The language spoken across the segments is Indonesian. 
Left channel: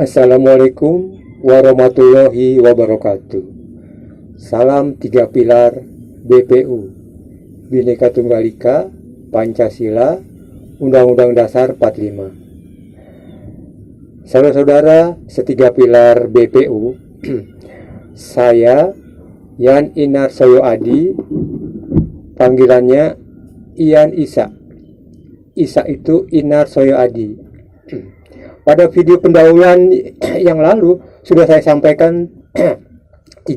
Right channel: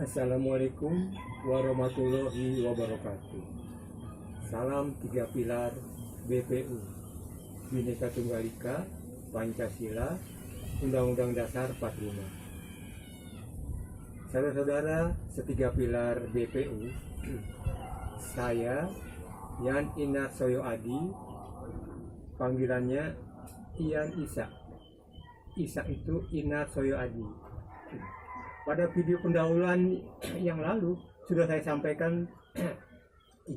Assalamualaikum warahmatullahi wabarakatuh. Salam tiga pilar BPU, Bhinneka Tunggal Ika, Pancasila, Undang-Undang Dasar 45. Saudara-saudara setiga pilar BPU, saya Yan Inar Soyo Adi, panggilannya Ian Isa. Isa itu Inar Soyo Adi. Pada video pendahuluan yang lalu sudah saya sampaikan 3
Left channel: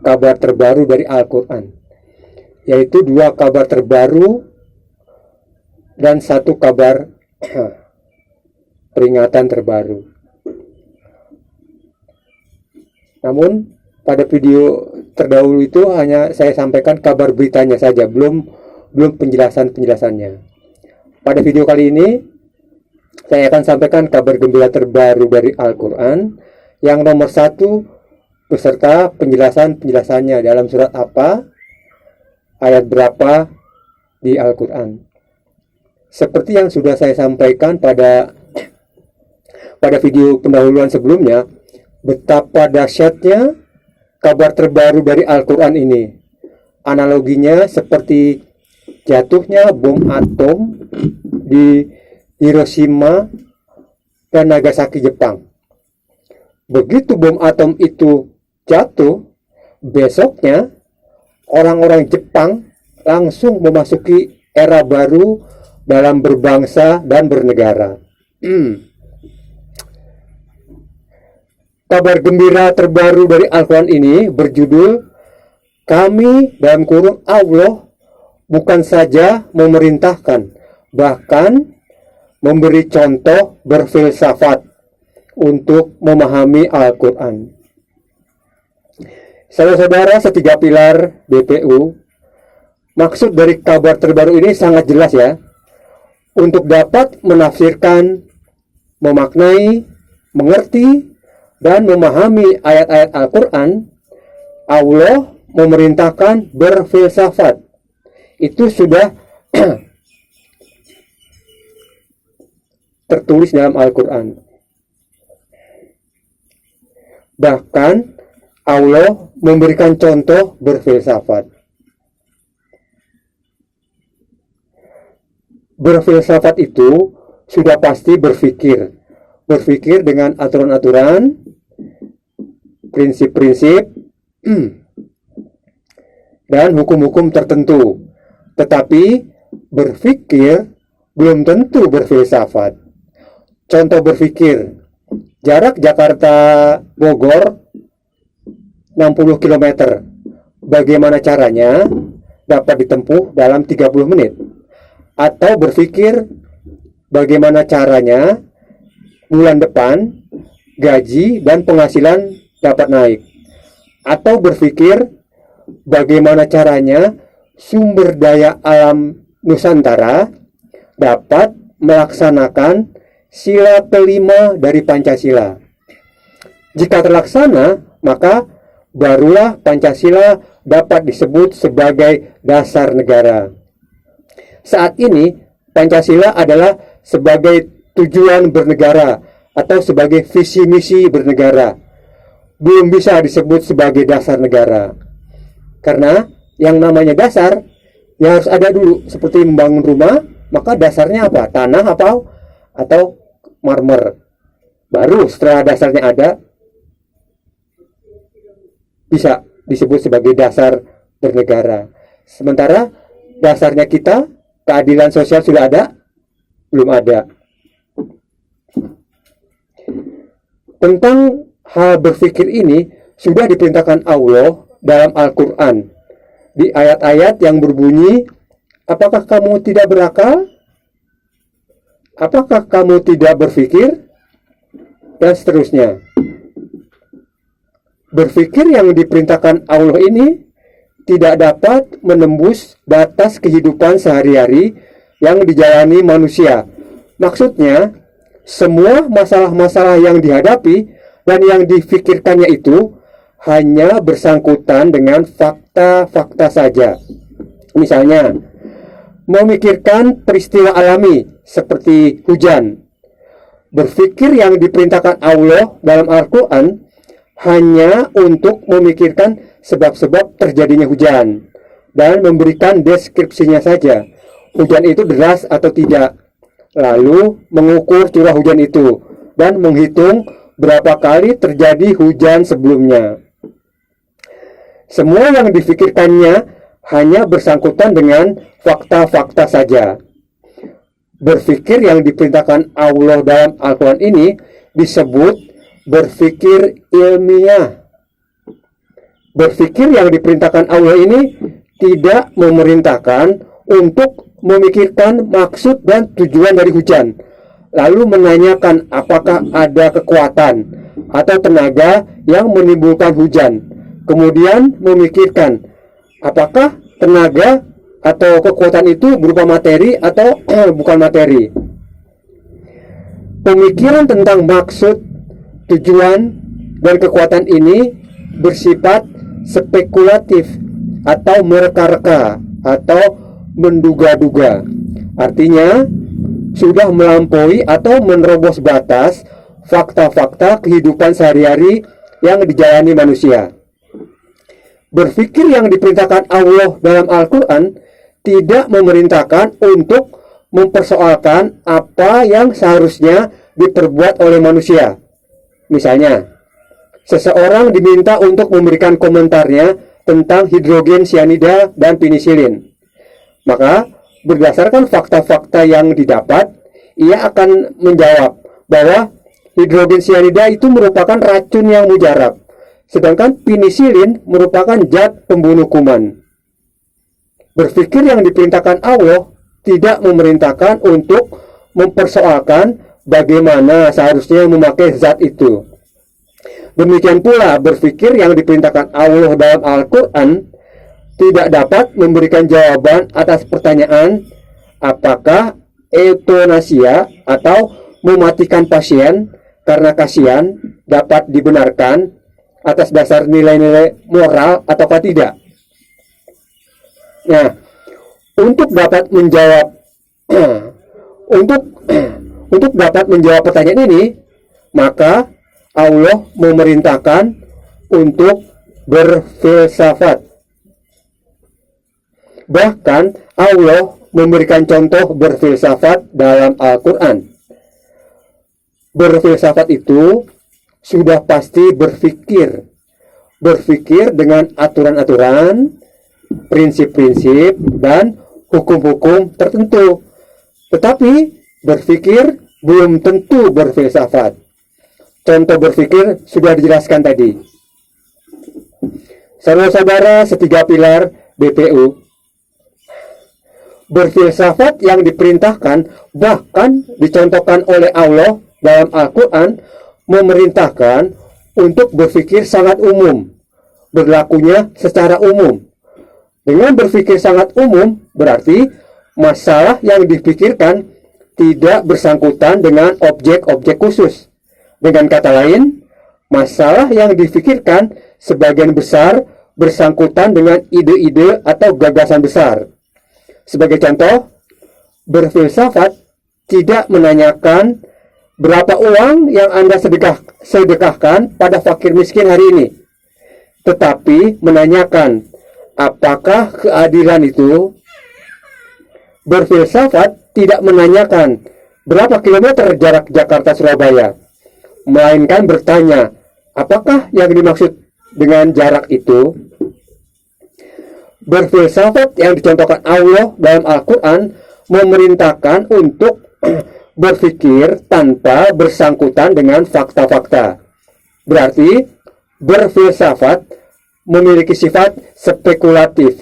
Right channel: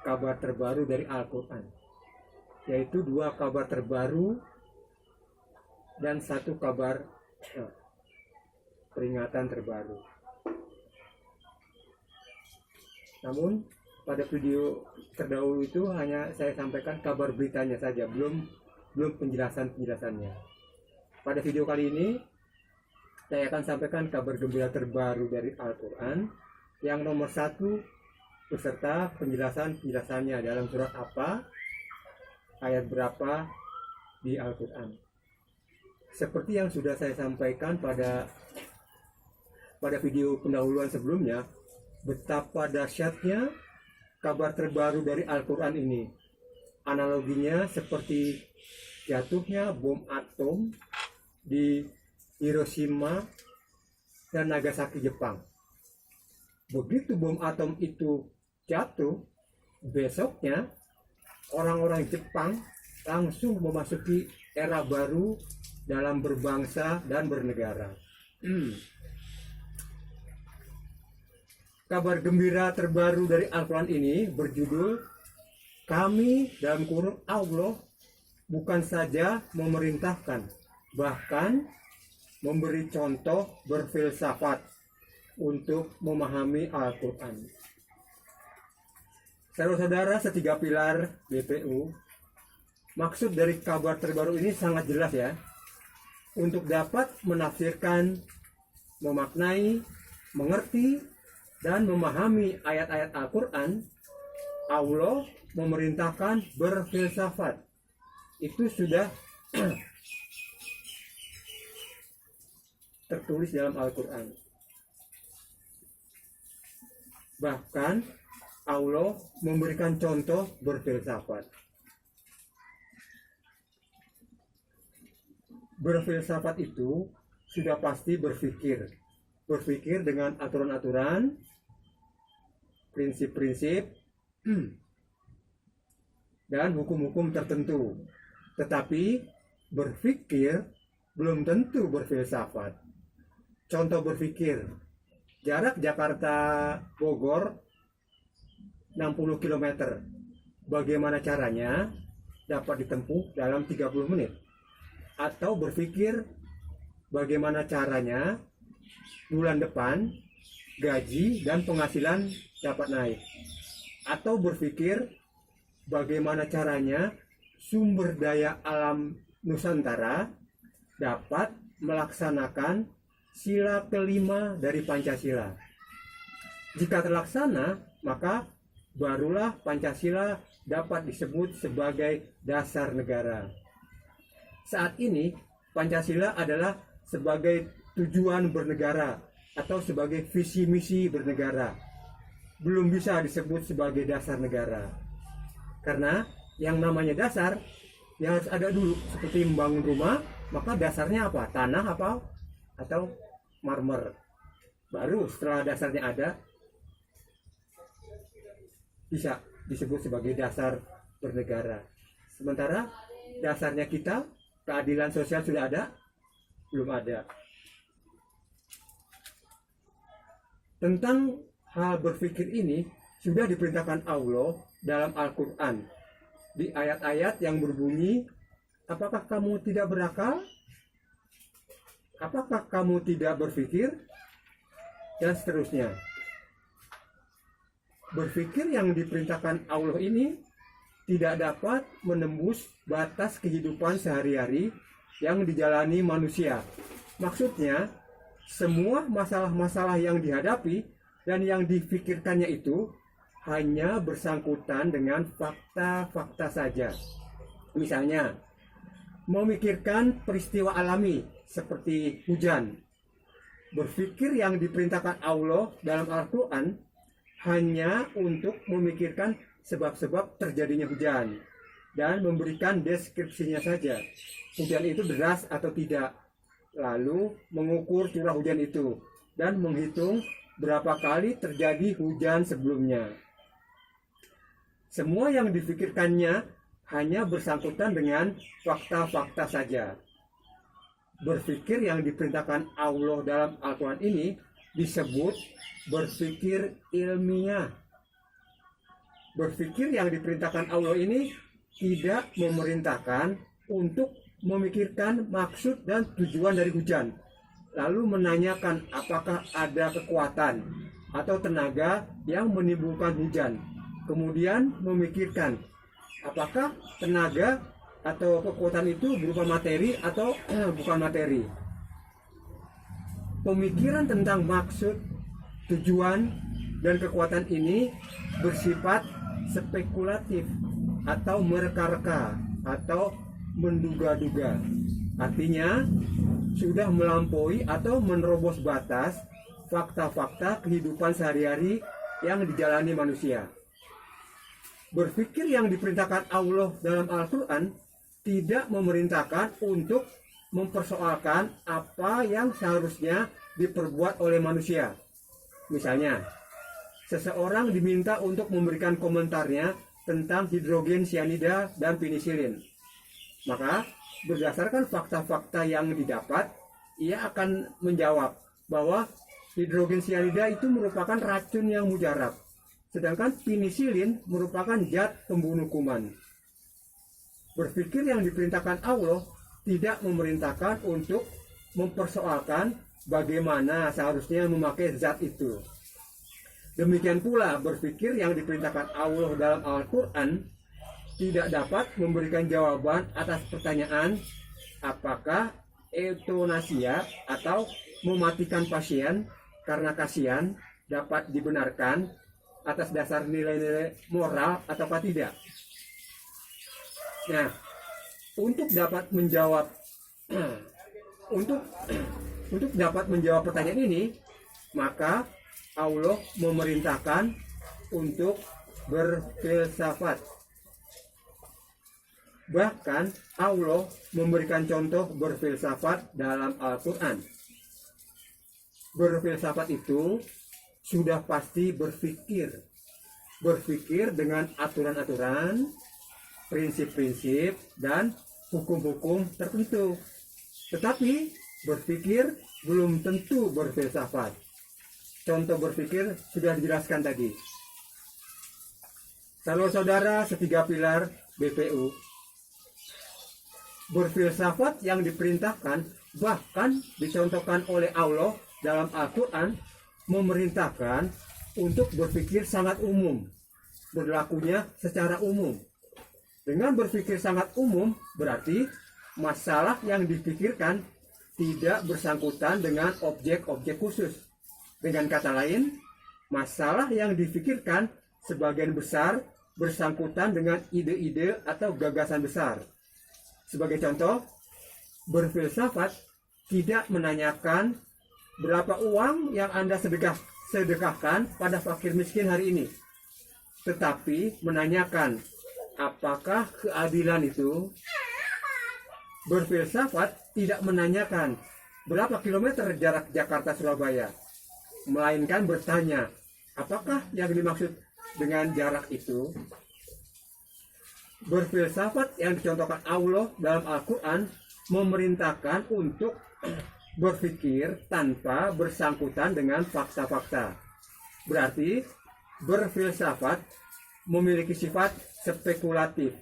kabar terbaru dari Al-Quran, yaitu 2 kabar terbaru dan 1 kabar peringatan terbaru. Namun pada video terdahulu itu hanya saya sampaikan kabar beritanya saja, belum penjelasannya. Pada video kali ini saya akan sampaikan kabar gembira terbaru dari Al-Quran yang nomor 1 beserta penjelasannya dalam surat apa, ayat berapa di Al-Quran. Seperti yang sudah saya sampaikan pada video pendahuluan sebelumnya, betapa dahsyatnya kabar terbaru dari Al-Quran ini. Analoginya seperti jatuhnya bom atom di Hiroshima dan Nagasaki, Jepang. Begitu bom atom itu jatuh, besoknya orang-orang Jepang langsung memasuki era baru dalam berbangsa dan bernegara. Kabar gembira terbaru dari Al-Quran ini berjudul "Kami dalam kurung Allah bukan saja memerintahkan, bahkan memberi contoh berfilsafat untuk memahami Al-Quran." Saudara-saudara setiga pilar BPU, maksud dari kabar terbaru ini sangat jelas ya. Untuk dapat menafsirkan, memaknai, mengerti, dan memahami ayat-ayat Al-Quran, Allah memerintahkan berfilsafat. Itu sudah tertulis dalam Al-Quran. Bahkan Allah memberikan contoh berfilsafat. Berfilsafat itu sudah pasti berpikir dengan aturan-aturan, prinsip-prinsip, dan hukum-hukum tertentu. Tetapi berpikir belum tentu berfilsafat. Contoh berpikir, jarak Jakarta-Bogor 60 km. Bagaimana caranya dapat ditempuh dalam 30 menit? Atau berpikir bagaimana caranya bulan depan gaji dan penghasilan dapat naik? Atau berpikir bagaimana caranya sumber daya alam Nusantara dapat melaksanakan sila kelima dari Pancasila? Jika terlaksana, maka barulah Pancasila dapat disebut sebagai dasar negara. Saat ini, Pancasila adalah sebagai tujuan bernegara atau sebagai visi misi bernegara. Belum bisa disebut sebagai dasar negara. Karena yang namanya dasar, ya harus ada dulu. Seperti membangun rumah, maka dasarnya apa? Tanah atau marmer. Baru setelah dasarnya ada, bisa disebut sebagai dasar bernegara. Sementara dasarnya kita, keadilan sosial sudah ada? Belum ada. Tentang hal berpikir ini sudah diperintahkan Allah dalam Al-Quran. Di ayat-ayat yang berbunyi, apakah kamu tidak berakal? Apakah kamu tidak berpikir? Dan seterusnya. Berpikir yang diperintahkan Allah ini tidak dapat menembus batas kehidupan sehari-hari yang dijalani manusia. Maksudnya, semua masalah-masalah yang dihadapi dan yang difikirkannya itu hanya bersangkutan dengan fakta-fakta saja. Misalnya, memikirkan peristiwa alami seperti hujan, Berpikir yang diperintahkan Allah dalam Al-Quran hanya untuk memikirkan sebab-sebab terjadinya hujan dan memberikan deskripsinya saja. Hujan itu deras atau tidak, lalu mengukur curah hujan itu dan menghitung berapa kali terjadi hujan sebelumnya. Semua yang difikirkannya hanya bersangkutan dengan fakta-fakta saja. Berpikir yang diperintahkan Allah dalam Al-Quran ini disebut berpikir ilmiah. Berpikir yang diperintahkan Allah ini tidak memerintahkan untuk memikirkan maksud dan tujuan dari hujan, lalu menanyakan apakah ada kekuatan atau tenaga yang menimbulkan hujan, kemudian memikirkan apakah tenaga atau kekuatan itu berupa materi atau bukan materi. Pemikiran tentang maksud, tujuan, dan kekuatan ini bersifat spekulatif atau mereka-reka atau menduga-duga. Artinya, sudah melampaui atau menerobos batas fakta-fakta kehidupan sehari-hari yang dijalani manusia. Berpikir yang diperintahkan Allah dalam Al-Quran tidak memerintahkan untuk mempersoalkan apa yang seharusnya diperbuat oleh manusia. Misalnya, seseorang diminta untuk memberikan komentarnya tentang hidrogen cyanida dan penisilin. Maka, berdasarkan fakta-fakta yang didapat, ia akan menjawab bahwa hidrogen cyanida itu merupakan racun yang mujarab, sedangkan penisilin merupakan zat pembunuh kuman. Berpikir yang diperintahkan Allah tidak memerintahkan untuk mempersoalkan bagaimana seharusnya memakai zat itu. Demikian pula berpikir yang diperintahkan Allah dalam Al-Quran tidak dapat memberikan jawaban atas pertanyaan apakah euthanasia atau mematikan pasien karena kasihan dapat dibenarkan atas dasar nilai-nilai moral ataukah tidak. Nah, untuk dapat menjawab untuk dapat menjawab pertanyaan ini, maka Allah memerintahkan untuk berfilsafat. Bahkan Allah memberikan contoh berfilsafat dalam Al-Quran. Berfilsafat itu sudah pasti berpikir dengan aturan-aturan, prinsip-prinsip, dan hukum-hukum tertentu. Tetapi berpikir belum tentu berfilsafat. Contoh berpikir sudah dijelaskan tadi. Saudara-saudara setiga pilar BPU, berfilsafat yang diperintahkan bahkan dicontohkan oleh Allah dalam Al-Quran memerintahkan untuk berpikir sangat umum, berlakunya secara umum. Dengan berpikir sangat umum berarti masalah yang dipikirkan tidak bersangkutan dengan objek-objek khusus. Dengan kata lain, masalah yang dipikirkan sebagian besar bersangkutan dengan ide-ide atau gagasan besar. Sebagai contoh, berfilsafat tidak menanyakan berapa uang yang Anda sedekahkan pada fakir miskin hari ini, tetapi menanyakan apakah keadilan itu. Berfilsafat tidak menanyakan berapa kilometer jarak Jakarta-Surabaya, melainkan bertanya apakah yang dimaksud dengan jarak itu. Berfilsafat yang dicontohkan Allah dalam Al-Quran memerintahkan untuk berpikir tanpa bersangkutan dengan fakta-fakta. Berarti berfilsafat memiliki sifat spekulatif.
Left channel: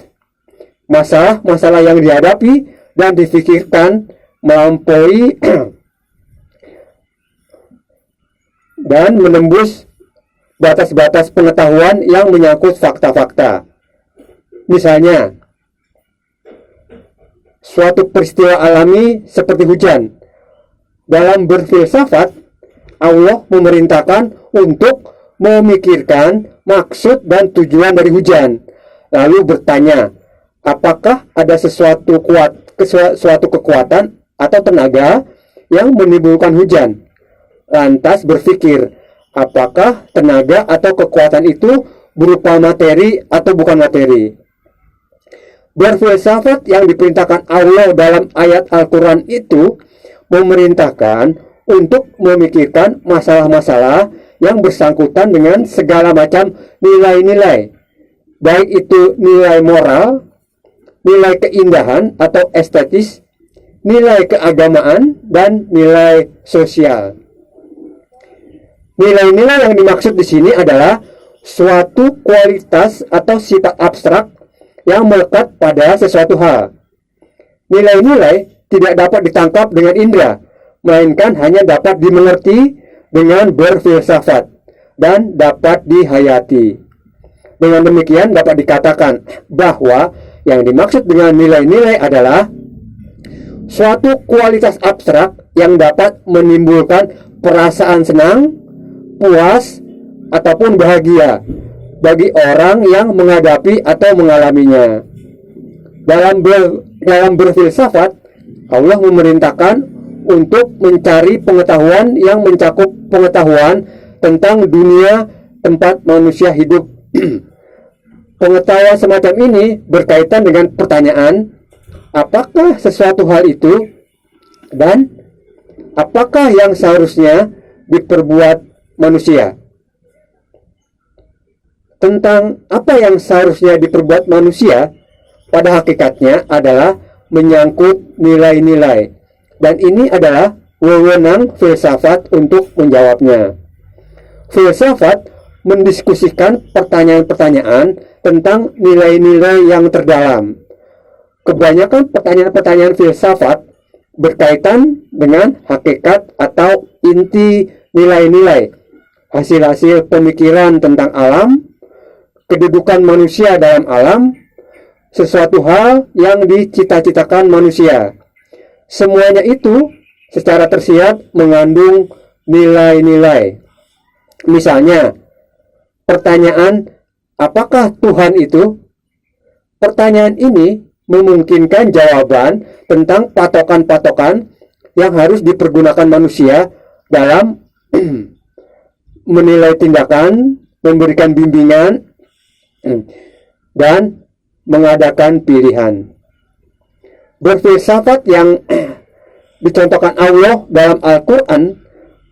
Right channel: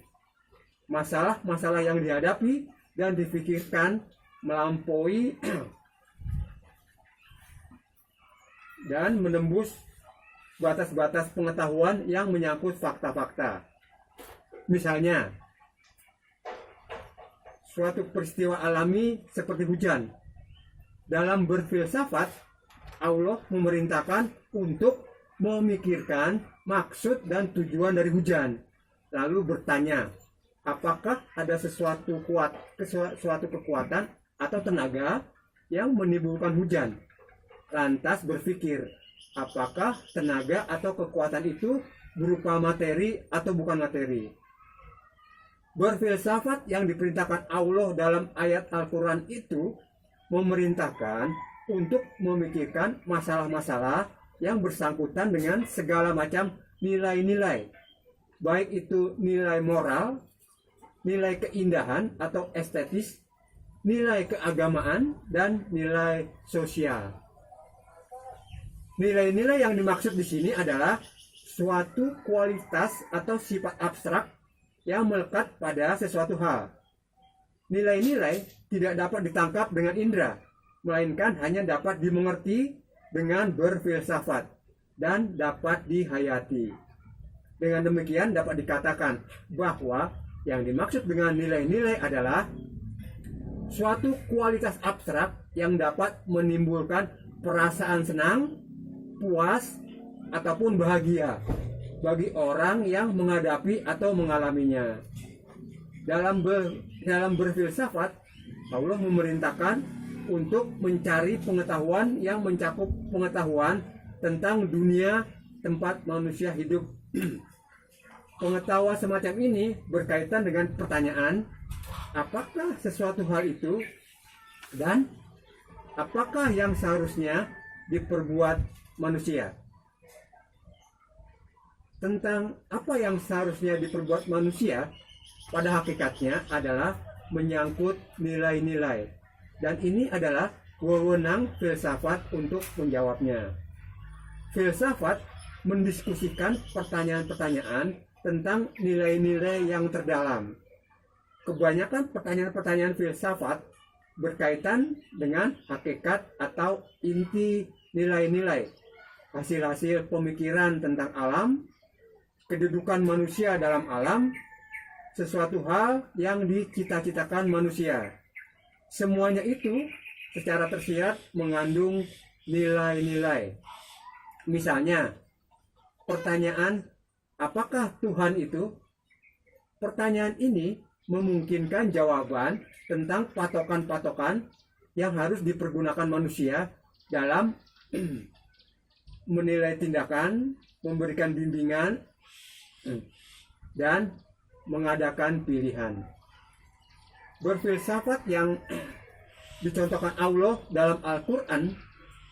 Masalah-masalah yang dihadapi dan difikirkan melampaui dan menembus batas-batas pengetahuan yang menyangkut fakta-fakta. Misalnya, suatu peristiwa alami seperti hujan. Dalam berfilsafat, Allah memerintahkan untuk memikirkan maksud dan tujuan dari hujan, lalu bertanya, apakah ada suatu kekuatan atau tenaga yang menimbulkan hujan, lantas berpikir, apakah tenaga atau kekuatan itu berupa materi atau bukan materi. Berfilsafat yang diperintahkan Allah dalam ayat Al-Quran itu memerintahkan untuk memikirkan masalah-masalah yang bersangkutan dengan segala macam nilai-nilai, baik itu nilai moral, nilai keindahan atau estetis, nilai keagamaan, dan nilai sosial. Nilai-nilai yang dimaksud di sini adalah suatu kualitas atau sifat abstrak yang melekat pada sesuatu hal. Nilai-nilai tidak dapat ditangkap dengan indera, melainkan hanya dapat dimengerti dengan berfilsafat dan dapat dihayati. Dengan demikian dapat dikatakan bahwa yang dimaksud dengan nilai-nilai adalah suatu kualitas abstrak yang dapat menimbulkan perasaan senang, puas, ataupun bahagia bagi orang yang menghadapi atau mengalaminya. Dalam berfilsafat, Allah memerintahkan untuk mencari pengetahuan yang mencakup pengetahuan tentang dunia tempat manusia hidup. Pengetahuan semacam ini berkaitan dengan pertanyaan, apakah sesuatu hal itu dan apakah yang seharusnya diperbuat manusia. Tentang apa yang seharusnya diperbuat manusia pada hakikatnya adalah menyangkut nilai-nilai, dan ini adalah wewenang filsafat untuk menjawabnya. Filsafat mendiskusikan pertanyaan-pertanyaan tentang nilai-nilai yang terdalam. Kebanyakan pertanyaan-pertanyaan filsafat berkaitan dengan hakikat atau inti nilai-nilai, hasil-hasil pemikiran tentang alam, kedudukan manusia dalam alam, sesuatu hal yang dicita-citakan manusia. Semuanya itu secara tersirat mengandung nilai-nilai. Misalnya, pertanyaan apakah Tuhan itu? Pertanyaan ini memungkinkan jawaban tentang patokan-patokan yang harus dipergunakan manusia dalam menilai tindakan, memberikan bimbingan, dan mengadakan pilihan. Berfilsafat yang dicontohkan Allah dalam Al-Quran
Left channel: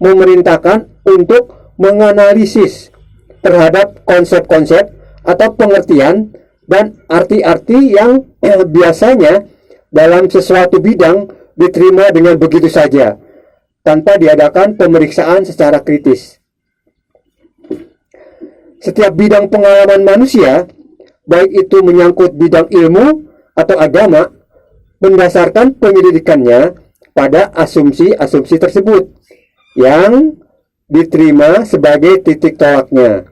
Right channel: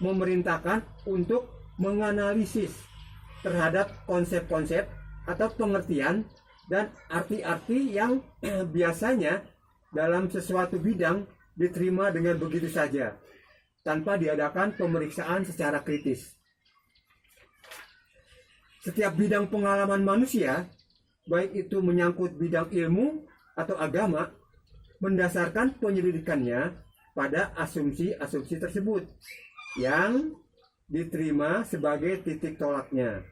memerintahkan untuk menganalisis terhadap konsep-konsep atau pengertian dan arti-arti yang biasanya dalam sesuatu bidang diterima dengan begitu saja, tanpa diadakan pemeriksaan secara kritis. Setiap bidang pengalaman manusia, baik itu menyangkut bidang ilmu atau agama, mendasarkan penyelidikannya pada asumsi-asumsi tersebut yang diterima sebagai titik tolaknya.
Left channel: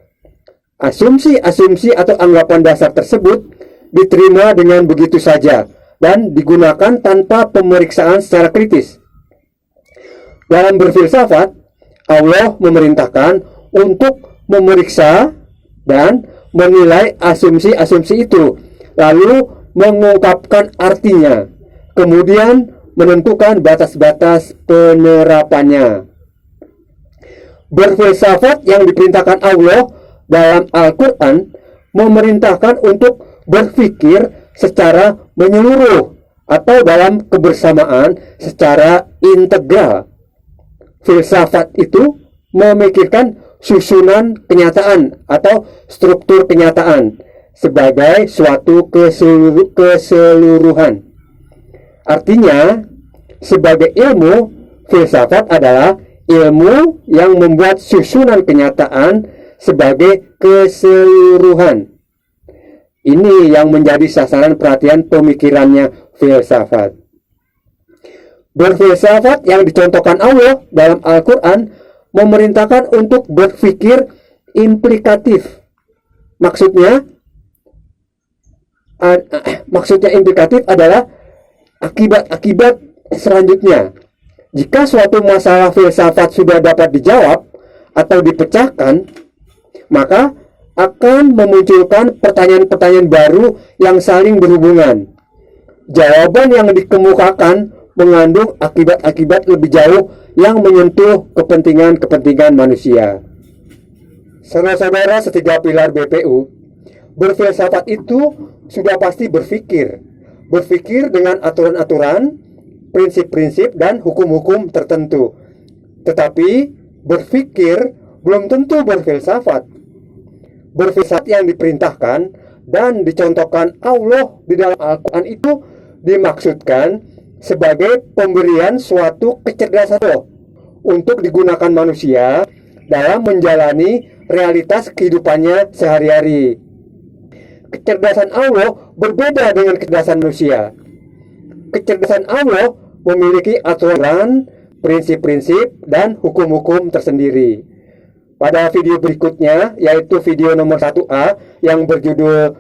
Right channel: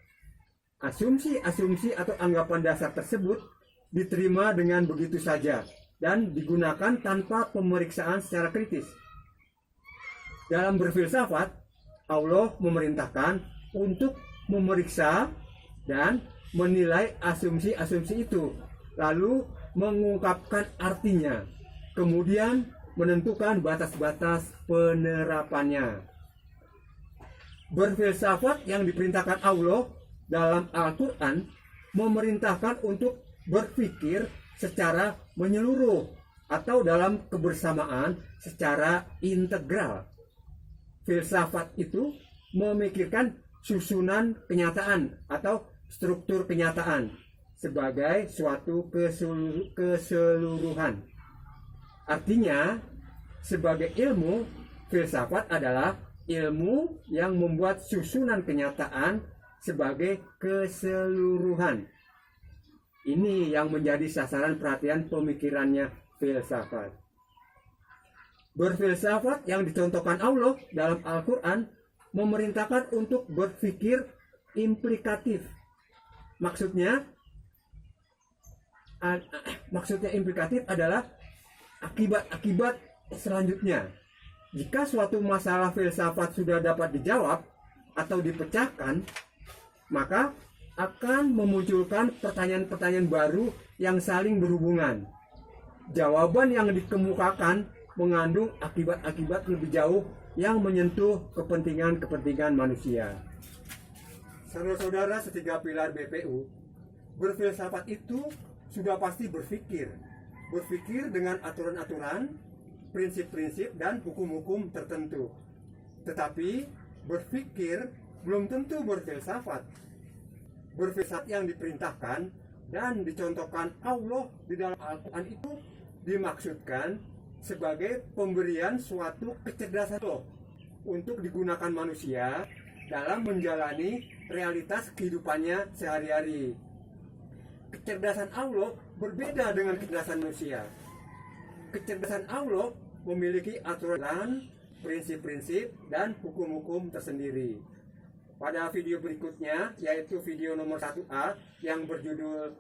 Asumsi-asumsi atau anggapan dasar tersebut diterima dengan begitu saja dan digunakan tanpa pemeriksaan secara kritis. Dalam berfilsafat, Allah memerintahkan untuk memeriksa dan menilai asumsi-asumsi itu, lalu mengungkapkan artinya, kemudian menentukan batas-batas penerapannya. Berfilsafat yang diperintahkan Allah dalam Al-Quran memerintahkan untuk berpikir secara menyeluruh atau dalam kebersamaan secara integral. Filsafat itu memikirkan susunan kenyataan atau struktur kenyataan sebagai suatu keseluruhan. Artinya, sebagai ilmu, filsafat adalah ilmu yang membuat susunan kenyataan sebagai keseluruhan. Ini yang menjadi sasaran perhatian pemikirannya filsafat. Berfilsafat yang dicontohkan Allah dalam Al-Quran memerintahkan untuk berpikir implikatif. Maksudnya implikatif adalah akibat-akibat selanjutnya. Jika suatu masalah filsafat sudah dapat dijawab atau dipecahkan, maka akan memunculkan pertanyaan-pertanyaan baru yang saling berhubungan. Jawaban yang dikemukakan mengandung akibat-akibat lebih jauh yang menyentuh kepentingan-kepentingan manusia. Saudara-saudara setiga pilar BPU, berfilsafat itu sudah pasti berpikir dengan aturan-aturan, prinsip-prinsip, dan hukum-hukum tertentu. Tetapi berpikir belum tentu berfilsafat. Berfilsafat yang diperintahkan dan dicontohkan Allah di dalam Al-Quran itu dimaksudkan sebagai pemberian suatu kecerdasan Allah untuk digunakan manusia dalam menjalani realitas kehidupannya sehari-hari. Kecerdasan Allah berbeda dengan kecerdasan manusia. Kecerdasan Allah memiliki aturan, prinsip-prinsip, dan hukum-hukum tersendiri. Pada video berikutnya, yaitu video nomor 1A yang berjudul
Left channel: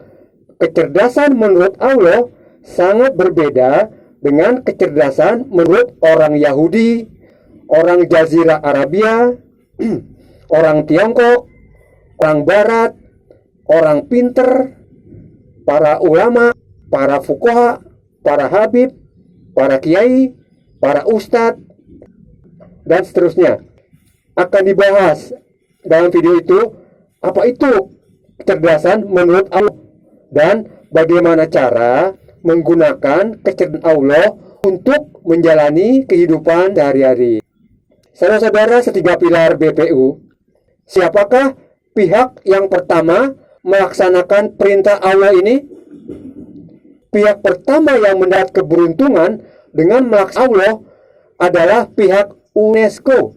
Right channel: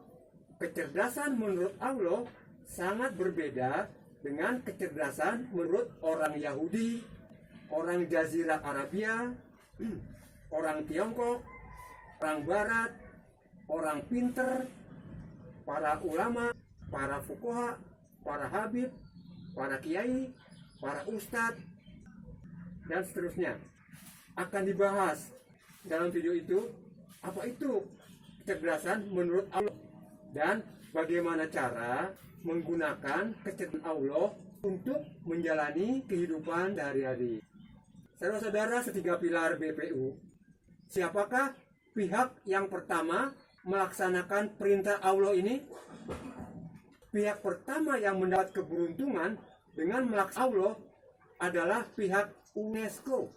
Kecerdasan menurut Allah sangat berbeda dengan kecerdasan menurut orang Yahudi, orang Jazirah Arabia, orang Tiongkok, orang Barat, orang pinter, para ulama, para fuqaha, para habib, para kiai, para ustadz, dan seterusnya. Akan dibahas dalam video itu apa itu kecerdasan menurut Allah dan bagaimana cara menggunakan kecerdasan Allah untuk menjalani kehidupan sehari-hari. Saudara-saudara setiga pilar BPU, siapakah pihak yang pertama melaksanakan perintah Allah ini? Pihak pertama yang mendapat keberuntungan dengan melaksanakan Allah adalah pihak UNESCO.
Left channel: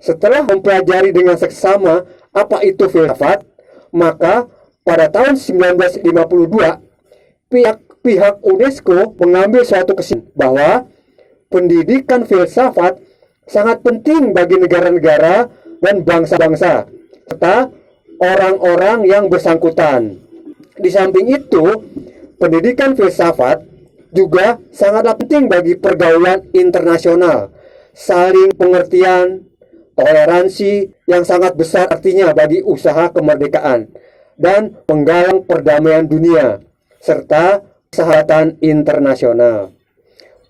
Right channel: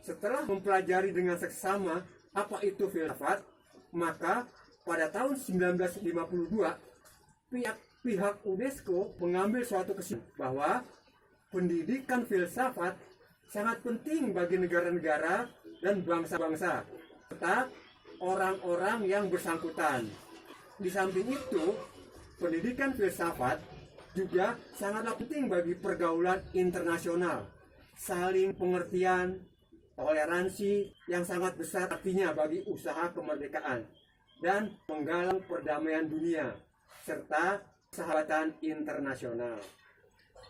Setelah mempelajari dengan seksama apa itu filsafat, maka pada tahun 1952 pihak UNESCO mengambil suatu kesimpulan bahwa pendidikan filsafat sangat penting bagi negara-negara dan bangsa-bangsa serta orang-orang yang bersangkutan. Di samping itu, pendidikan filsafat juga sangatlah penting bagi pergaulan internasional, saling pengertian, toleransi yang sangat besar artinya bagi usaha kemerdekaan dan penggalang perdamaian dunia serta persahabatan internasional.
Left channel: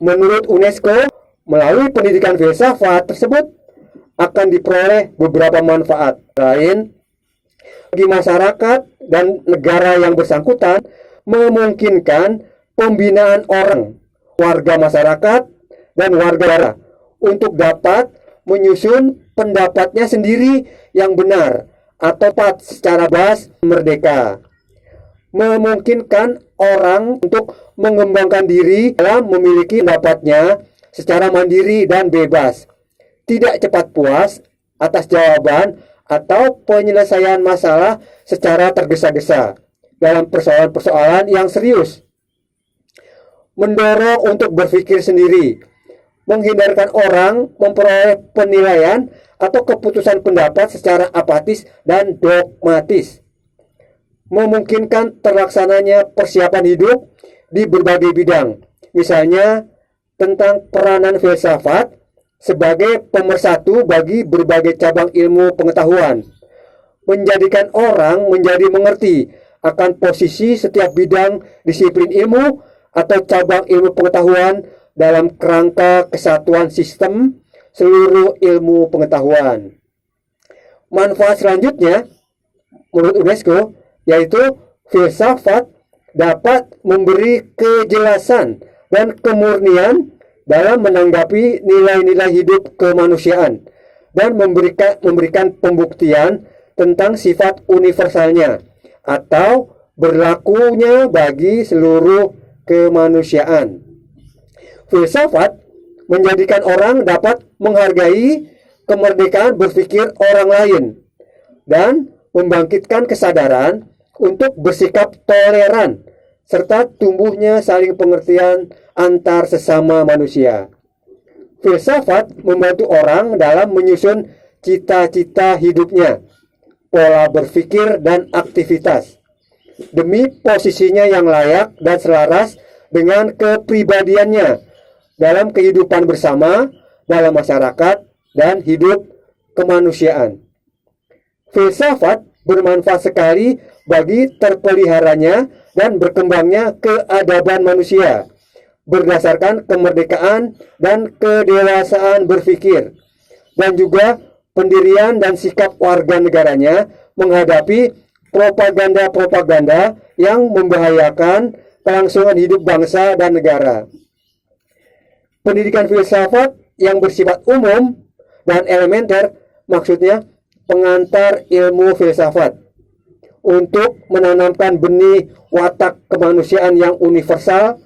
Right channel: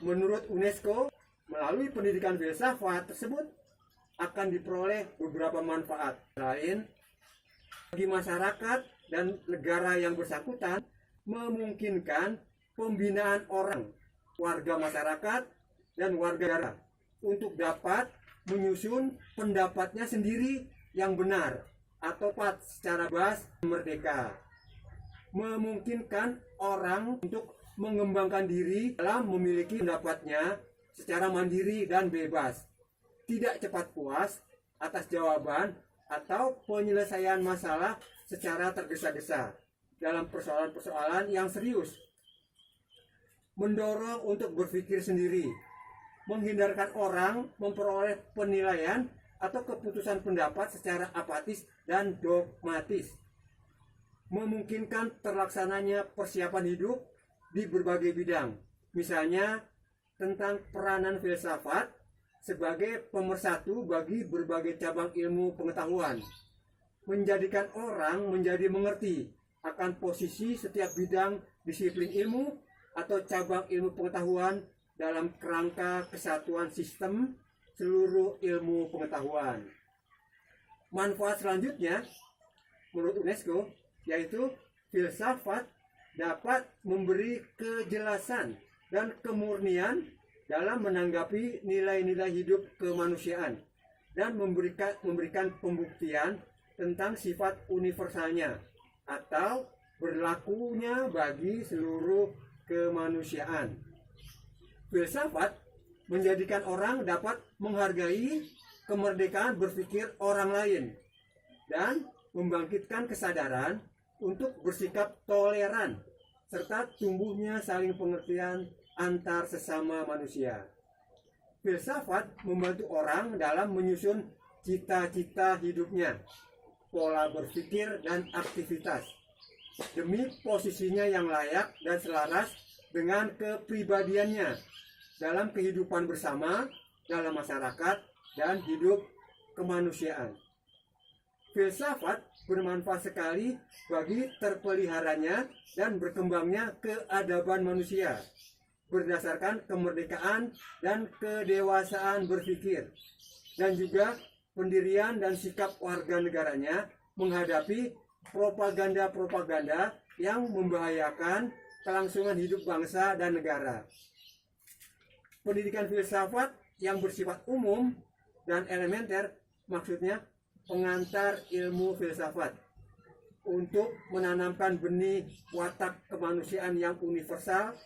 Menurut UNESCO, melalui pendidikan filsafat tersebut akan diperoleh beberapa manfaat lain bagi masyarakat dan negara yang bersangkutan, memungkinkan pembinaan orang, warga masyarakat, dan warga negara untuk dapat menyusun pendapatnya sendiri yang benar atau tepat secara bebas merdeka. Memungkinkan orang untuk mengembangkan diri dalam memiliki pendapatnya secara mandiri dan bebas, tidak cepat puas atas jawaban atau penyelesaian masalah secara tergesa-gesa dalam persoalan-persoalan yang serius. Mendorong untuk berpikir sendiri, menghindarkan orang memperoleh penilaian atau keputusan pendapat secara apatis dan dogmatis. Memungkinkan terlaksananya persiapan hidup di berbagai bidang, misalnya tentang peranan filsafat sebagai pemersatu bagi berbagai cabang ilmu pengetahuan, menjadikan orang menjadi mengerti akan posisi setiap bidang disiplin ilmu atau cabang ilmu pengetahuan dalam kerangka kesatuan sistem seluruh ilmu pengetahuan. Manfaat selanjutnya, menurut UNESCO, yaitu filsafat dapat memberi kejelasan dan kemurnian dalam menanggapi nilai-nilai hidup kemanusiaan dan memberikan pembuktian tentang sifat universalnya atau berlakunya bagi seluruh kemanusiaan. Filsafat menjadikan orang dapat menghargai kemerdekaan berpikir orang lain dan membangkitkan kesadaran untuk bersikap toleran serta tumbuhnya saling pengertian antar sesama manusia. Filsafat membantu orang dalam menyusun cita-cita hidupnya, pola berpikir dan aktivitas demi posisinya yang layak dan selaras dengan kepribadiannya dalam kehidupan bersama, dalam masyarakat, dan hidup kemanusiaan. Filsafat bermanfaat sekali bagi terpeliharanya dan berkembangnya keadaban manusia, berdasarkan kemerdekaan dan kedewasaan berpikir, dan juga pendirian dan sikap warga negaranya menghadapi propaganda-propaganda yang membahayakan kelangsungan hidup bangsa dan negara. Pendidikan filsafat yang bersifat umum dan elementer, maksudnya pengantar ilmu filsafat, untuk menanamkan benih watak kemanusiaan yang universal,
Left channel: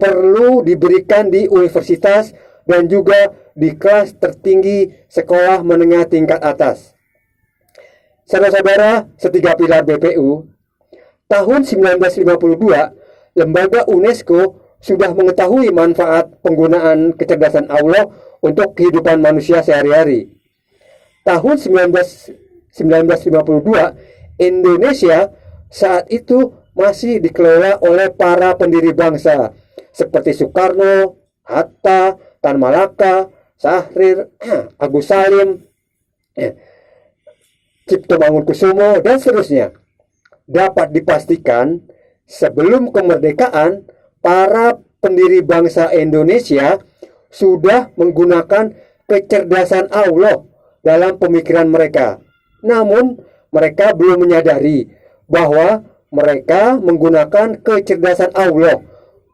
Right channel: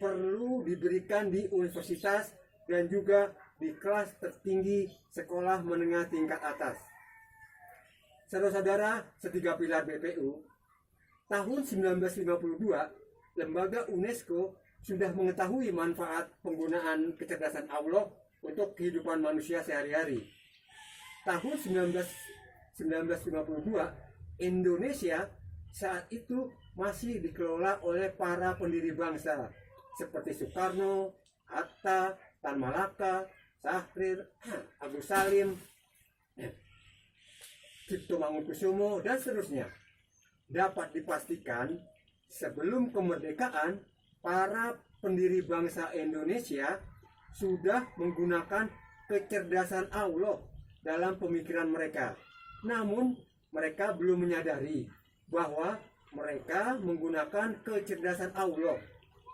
perlu diberikan di universitas dan juga di kelas tertinggi sekolah menengah tingkat atas. Saudara-saudara setiga pilar BPU, tahun 1952, lembaga UNESCO sudah mengetahui manfaat penggunaan kecerdasan Allah untuk kehidupan manusia sehari-hari. Tahun 1952, Indonesia saat itu masih dikelola oleh para pendiri bangsa seperti Soekarno, Hatta, Tan Malaka, Syahrir, Agus Salim, Cipto Mangunkusumo, dan seterusnya. Dapat dipastikan sebelum kemerdekaan, para pendiri bangsa Indonesia sudah menggunakan kecerdasan Allah dalam pemikiran mereka. Namun, mereka belum menyadari bahwa mereka menggunakan kecerdasan Allah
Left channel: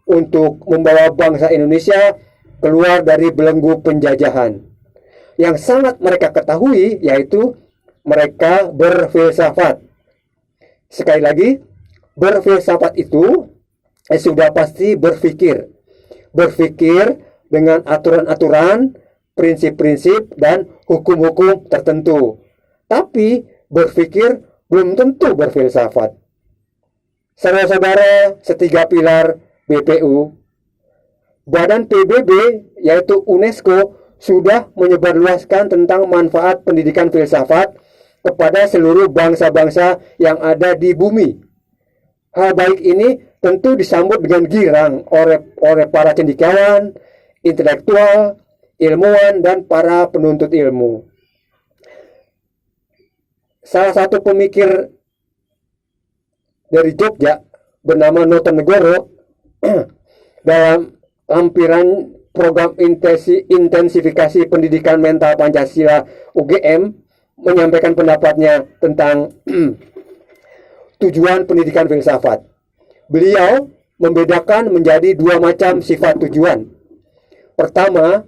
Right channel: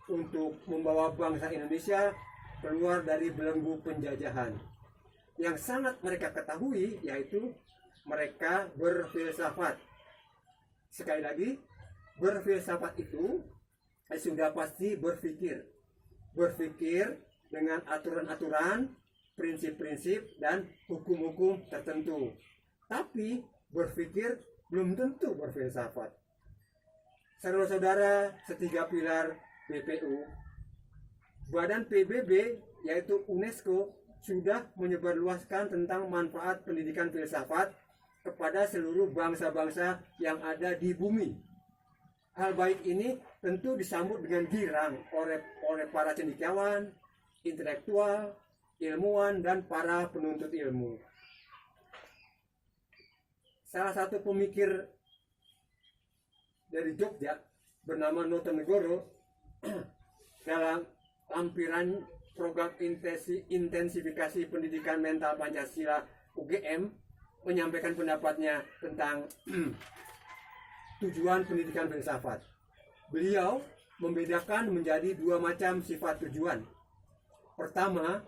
untuk membawa bangsa Indonesia keluar dari belenggu penjajahan. Yang sangat mereka ketahui yaitu mereka berfilsafat. Sekali lagi, berfilsafat itu sudah pasti berpikir. Berpikir dengan aturan-aturan, prinsip-prinsip, dan hukum-hukum tertentu. Tapi berpikir belum tentu berfilsafat. Saudara-saudara setiga pilar BPU, Badan PBB yaitu UNESCO sudah menyebarluaskan tentang manfaat pendidikan filsafat kepada seluruh bangsa-bangsa yang ada di bumi. Hal baik ini tentu disambut dengan girang oleh para cendekiawan, intelektual, ilmuwan, dan para penuntut ilmu. Salah satu pemikir dari Jogja bernama Notonegoro dalam lampiran program intensifikasi pendidikan mental Pancasila UGM menyampaikan pendapatnya tentang tujuan pendidikan filsafat. Beliau membedakan menjadi dua macam sifat tujuan. Pertama,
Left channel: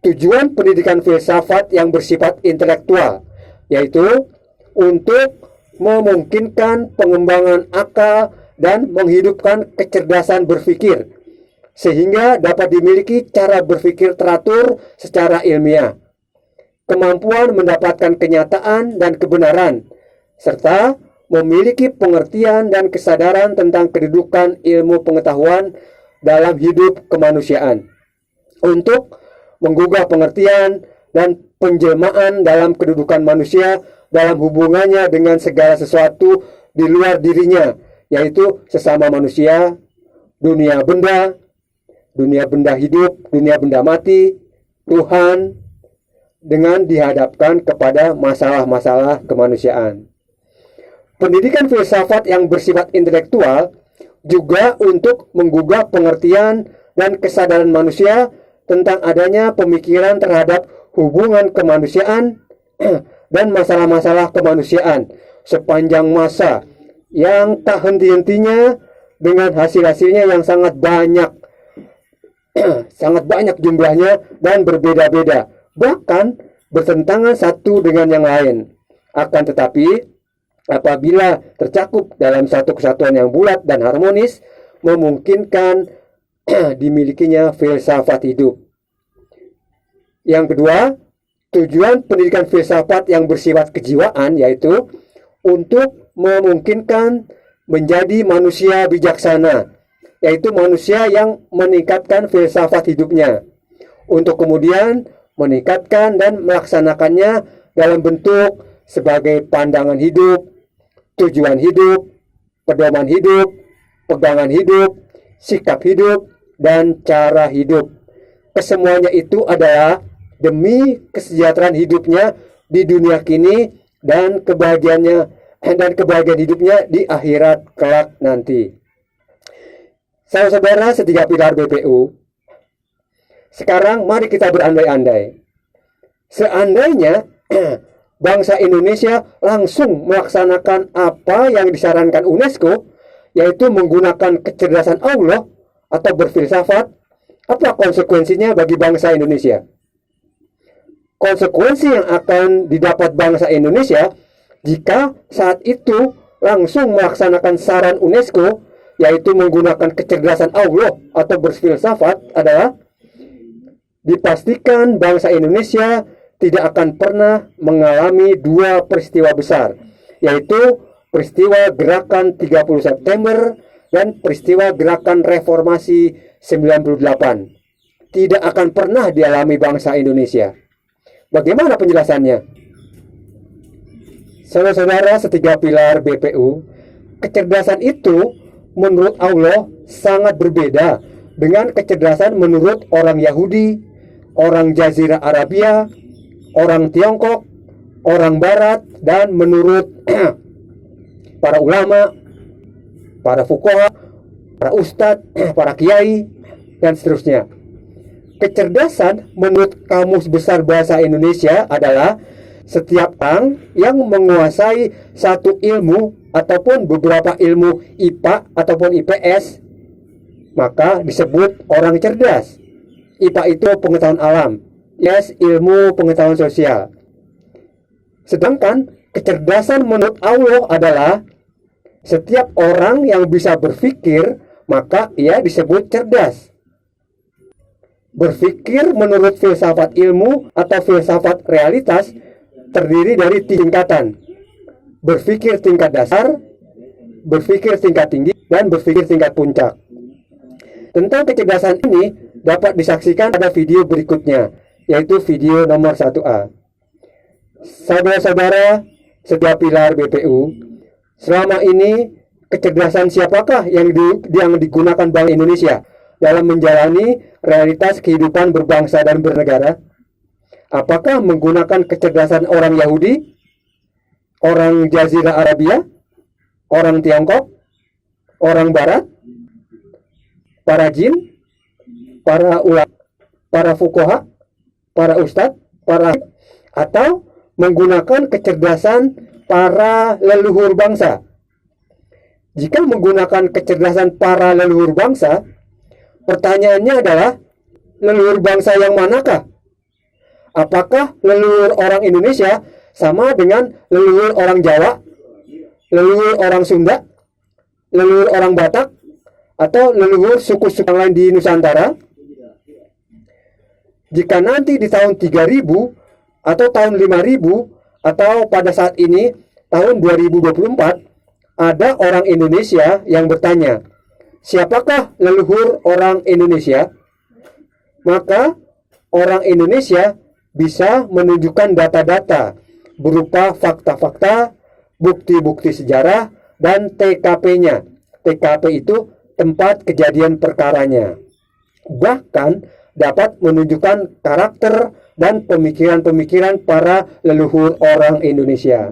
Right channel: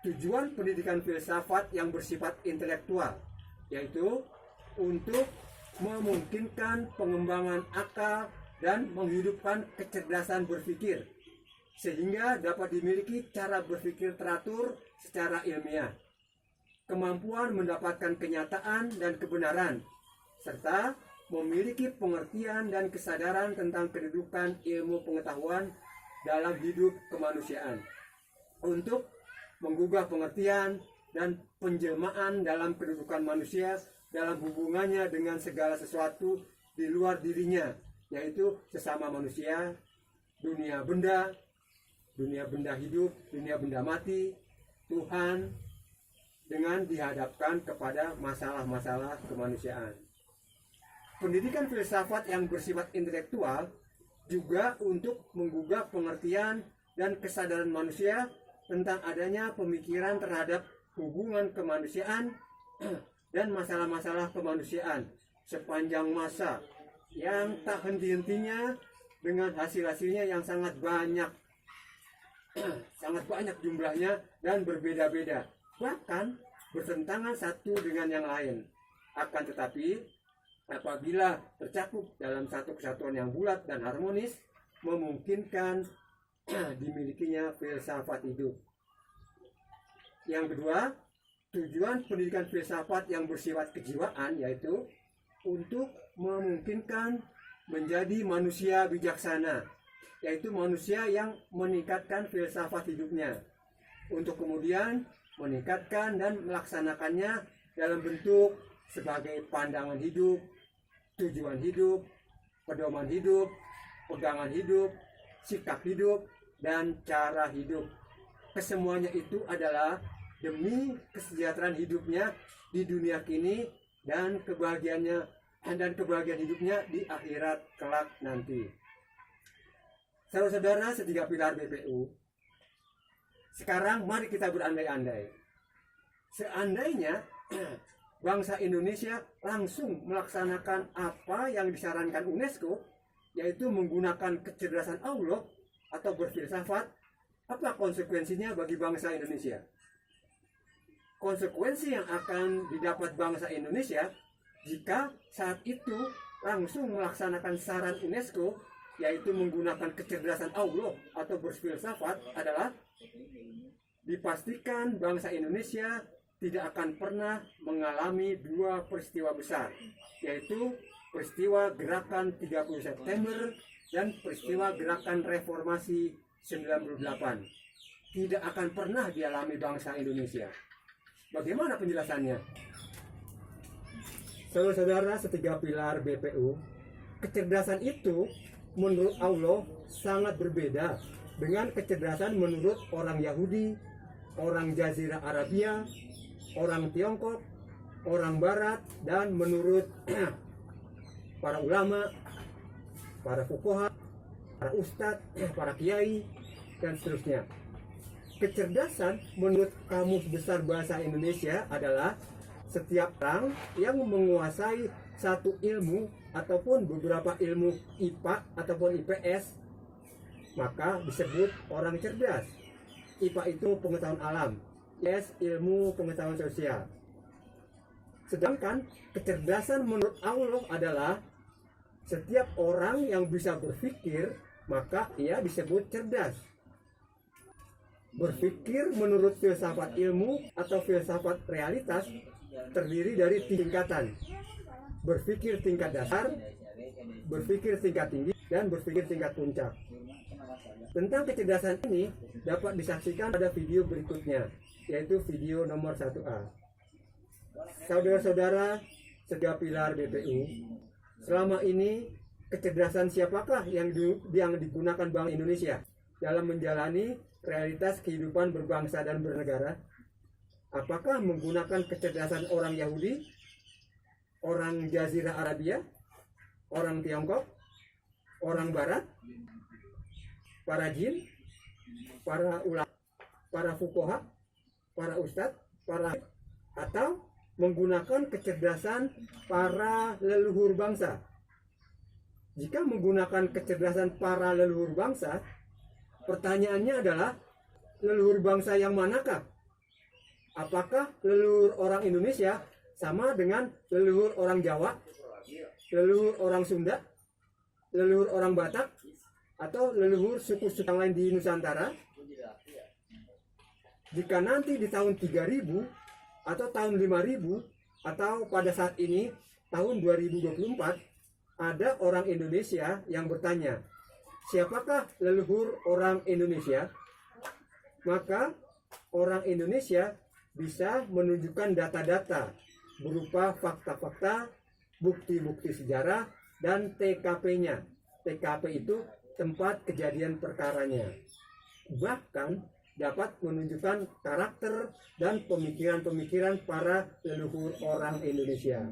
tujuan pendidikan filsafat yang bersifat intelektual, yaitu untuk memungkinkan pengembangan akal dan menghidupkan kecerdasan berpikir, sehingga dapat dimiliki cara berpikir teratur secara ilmiah, kemampuan mendapatkan kenyataan dan kebenaran, serta memiliki pengertian dan kesadaran tentang kedudukan ilmu pengetahuan dalam hidup kemanusiaan, untuk menggugah pengertian dan penjelmaan dalam kedudukan manusia dalam hubungannya dengan segala sesuatu di luar dirinya, yaitu sesama manusia, dunia benda hidup, dunia benda mati, Tuhan, dengan dihadapkan kepada masalah-masalah kemanusiaan. Pendidikan filsafat yang bersifat intelektual juga untuk menggugah pengertian dan kesadaran manusia tentang adanya pemikiran terhadap hubungan kemanusiaan dan masalah-masalah kemanusiaan sepanjang masa yang tak henti-hentinya dengan hasil-hasilnya yang sangat banyak jumlahnya dan berbeda-beda, bahkan bertentangan satu dengan yang lain. Akan tetapi apabila tercakup dalam satu kesatuan yang bulat dan harmonis, memungkinkan dimilikinya filsafat hidup. Yang kedua, tujuan pendidikan filsafat yang bersifat kejiwaan yaitu untuk memungkinkan menjadi manusia bijaksana, yaitu manusia yang meningkatkan filsafat hidupnya, untuk kemudian meningkatkan dan melaksanakannya dalam bentuk sebagai pandangan hidup, tujuan hidup, pedoman hidup, pegangan hidup, sikap hidup, dan cara hidup. Kesemuanya itu adalah demi kesejahteraan hidupnya di dunia kini dan kebahagiaan hidupnya di akhirat kelak nanti. Saudara-saudara setiga pilar BPU, sekarang mari kita berandai-andai. Seandainya bangsa Indonesia langsung melaksanakan apa yang disarankan UNESCO, yaitu menggunakan kecerdasan Allah atau berfilsafat, apa konsekuensinya bagi bangsa Indonesia? Konsekuensi yang akan didapat bangsa Indonesia jika saat itu langsung melaksanakan saran UNESCO, yaitu menggunakan kecerdasan Allah atau berfilsafat, adalah dipastikan bangsa Indonesia tidak akan pernah mengalami dua peristiwa besar, yaitu peristiwa gerakan 30 September dan peristiwa gerakan reformasi 98. Tidak akan pernah dialami bangsa Indonesia. Bagaimana penjelasannya? Saudara-saudara setiga pilar BPU, kecerdasan itu menurut Allah sangat berbeda dengan kecerdasan menurut orang Yahudi, orang Jazirah Arabia, orang Tiongkok, orang Barat, dan menurut para ulama, para fuqaha, para ustadz, para kiai, dan seterusnya. Kecerdasan menurut Kamus Besar Bahasa Indonesia adalah setiap orang yang menguasai satu ilmu ataupun beberapa ilmu IPA ataupun IPS, maka disebut orang cerdas. IPA itu pengetahuan alam, IPS ilmu pengetahuan sosial. Sedangkan kecerdasan menurut Allah adalah setiap orang yang bisa berpikir, maka ia disebut cerdas. Berpikir menurut filsafat ilmu atau filsafat realitas terdiri dari tingkatan. Berpikir tingkat dasar, berpikir tingkat tinggi, dan berpikir tingkat puncak. Tentang kecerdasan ini dapat disaksikan pada video berikutnya, yaitu video nomor 1A. Saudara-saudara setiap pilar BPU, selama ini kecerdasan siapakah yang digunakan Bank Indonesia dalam menjalani realitas kehidupan berbangsa dan bernegara? Apakah menggunakan kecerdasan orang Yahudi, orang Jazirah Arabia, orang Tiongkok, orang Barat, para jin, para ulama, para fuqaha, para ustadz, atau menggunakan kecerdasan para leluhur bangsa? Jika menggunakan kecerdasan para leluhur bangsa, pertanyaannya adalah, leluhur bangsa yang manakah? Apakah leluhur orang Indonesia sama dengan leluhur orang Jawa, leluhur orang Sunda, leluhur orang Batak, atau leluhur suku-suku yang lain di Nusantara? Jika nanti di tahun 3000 atau tahun 5000 atau pada saat ini tahun 2024 ada orang Indonesia yang bertanya, siapakah leluhur orang Indonesia? Maka orang Indonesia bisa menunjukkan data-data berupa fakta-fakta, bukti-bukti sejarah, dan TKP-nya. TKP itu tempat kejadian perkaranya. Bahkan dapat menunjukkan karakter dan pemikiran-pemikiran para leluhur orang Indonesia.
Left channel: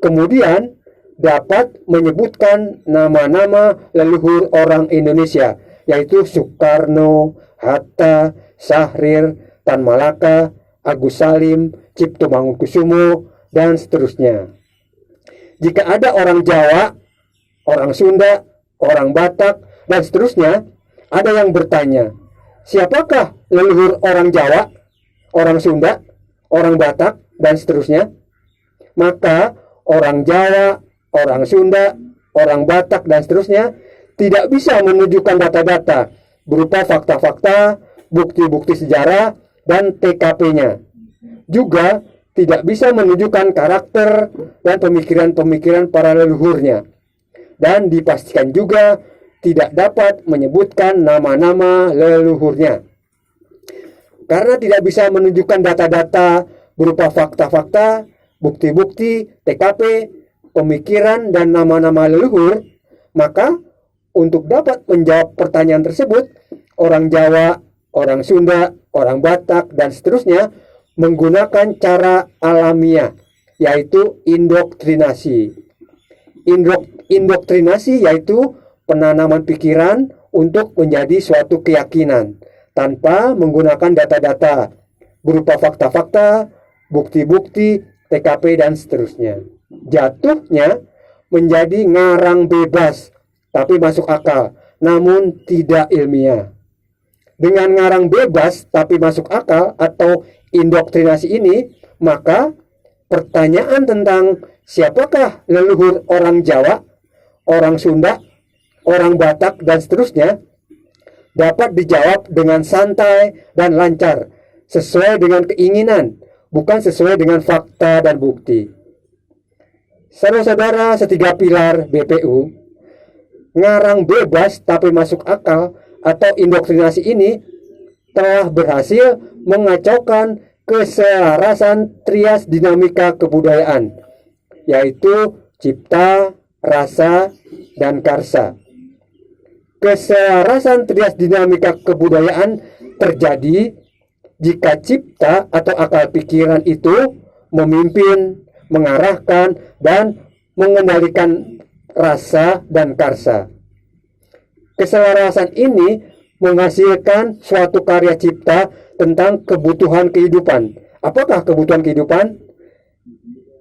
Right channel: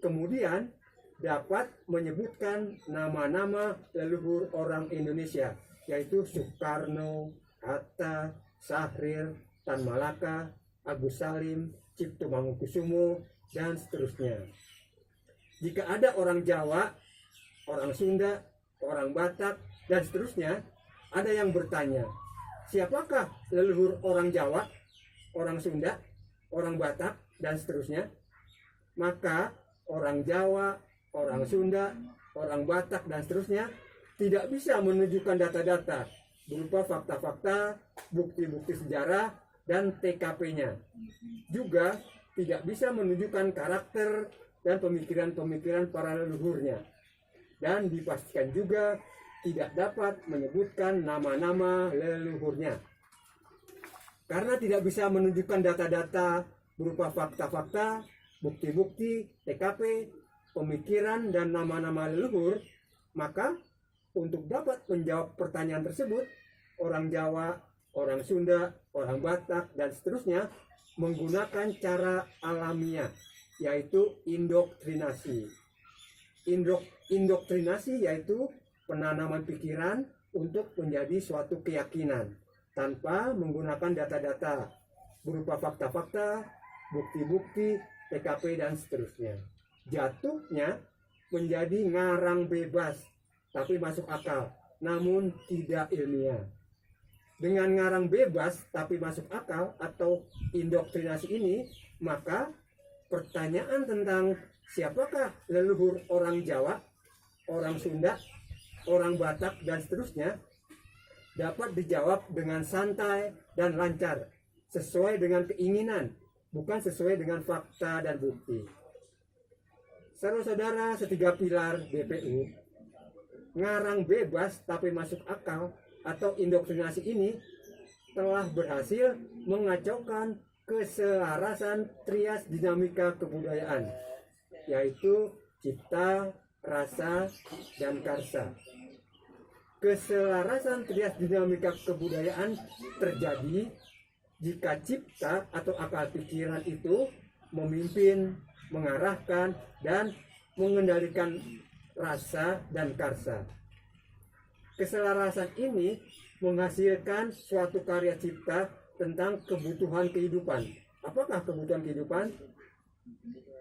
Kemudian dapat menyebutkan nama-nama leluhur orang Indonesia, yaitu Soekarno, Hatta, Syahrir, Tan Malaka, Agus Salim, Cipto Mangunkusumo, dan seterusnya. Jika ada orang Jawa, orang Sunda, orang Batak, dan seterusnya, ada yang bertanya, siapakah leluhur orang Jawa, orang Sunda, orang Batak, dan seterusnya? Maka orang Jawa, orang Sunda, orang Batak, dan seterusnya tidak bisa menunjukkan data-data berupa fakta-fakta, bukti-bukti sejarah, dan TKP-nya. Juga tidak bisa menunjukkan karakter dan pemikiran-pemikiran para leluhurnya. Dan dipastikan juga tidak dapat menyebutkan nama-nama leluhurnya. Karena tidak bisa menunjukkan data-data berupa fakta-fakta, bukti-bukti, TKP, pemikiran, dan nama-nama leluhur, maka untuk dapat menjawab pertanyaan tersebut, orang Jawa, orang Sunda, orang Batak, dan seterusnya menggunakan cara alamiah, yaitu indoktrinasi. Indoktrinasi yaitu penanaman pikiran untuk menjadi suatu keyakinan tanpa menggunakan data-data berupa fakta-fakta, bukti-bukti, TKP, dan seterusnya. Jatuhnya menjadi ngarang bebas, tapi masuk akal, namun tidak ilmiah. Dengan ngarang bebas, tapi masuk akal atau indoktrinasi ini, maka pertanyaan tentang siapakah leluhur orang Jawa, orang Sunda, orang Batak, dan seterusnya dapat dijawab dengan santai dan lancar, sesuai dengan keinginan, bukan sesuai dengan fakta dan bukti. Saudara-saudara setiga pilar BPU, ngarang bebas tapi masuk akal atau indoktrinasi ini telah berhasil mengacaukan keselarasan trias dinamika kebudayaan, yaitu cipta, rasa, dan karsa. Keselarasan trias dinamika kebudayaan terjadi jika cipta atau akal pikiran itu memimpin, mengarahkan, dan mengendalikan rasa dan karsa. Keselarasan ini menghasilkan suatu karya cipta tentang kebutuhan kehidupan. Apakah kebutuhan kehidupan?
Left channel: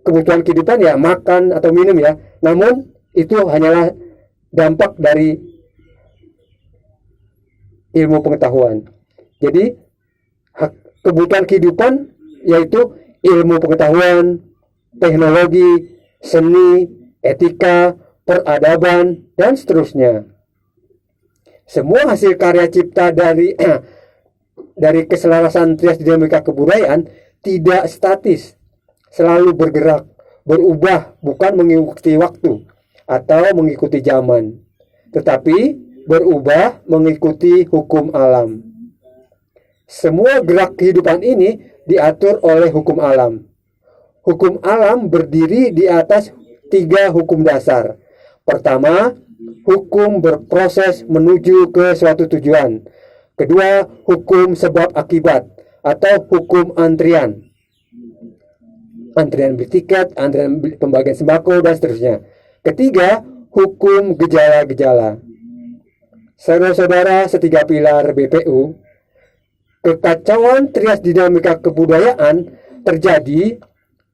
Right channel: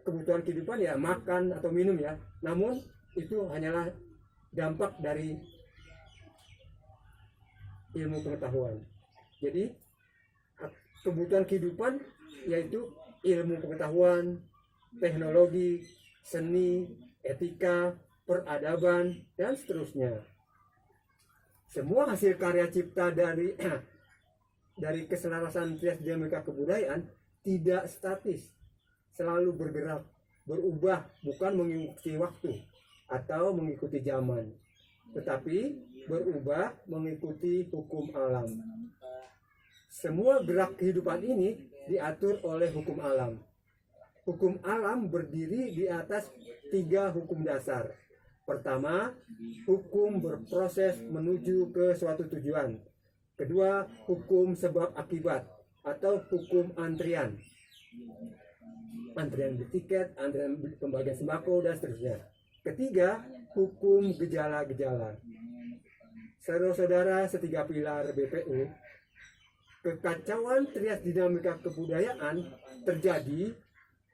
Kebutuhan kehidupan ya makan atau minum ya. Namun itu hanyalah dampak dari ilmu pengetahuan. Jadi kebutuhan kehidupan yaitu ilmu pengetahuan, teknologi, seni, etika, peradaban, dan seterusnya. Semua hasil karya cipta dari keselarasan trias dinamika kebudayaan tidak statis, selalu bergerak, berubah, bukan mengikuti waktu atau mengikuti zaman, tetapi berubah mengikuti hukum alam. Semua gerak kehidupan ini diatur oleh hukum alam. Hukum alam berdiri di atas 3 hukum dasar. Pertama, hukum berproses menuju ke suatu tujuan. Kedua, hukum sebab akibat atau hukum antrian. Antrian beli tiket, antrian pembagian sembako, dan seterusnya. Ketiga, hukum gejala-gejala. Saudara-saudara setiga pilar BPU, kekacauan trias dinamika kebudayaan terjadi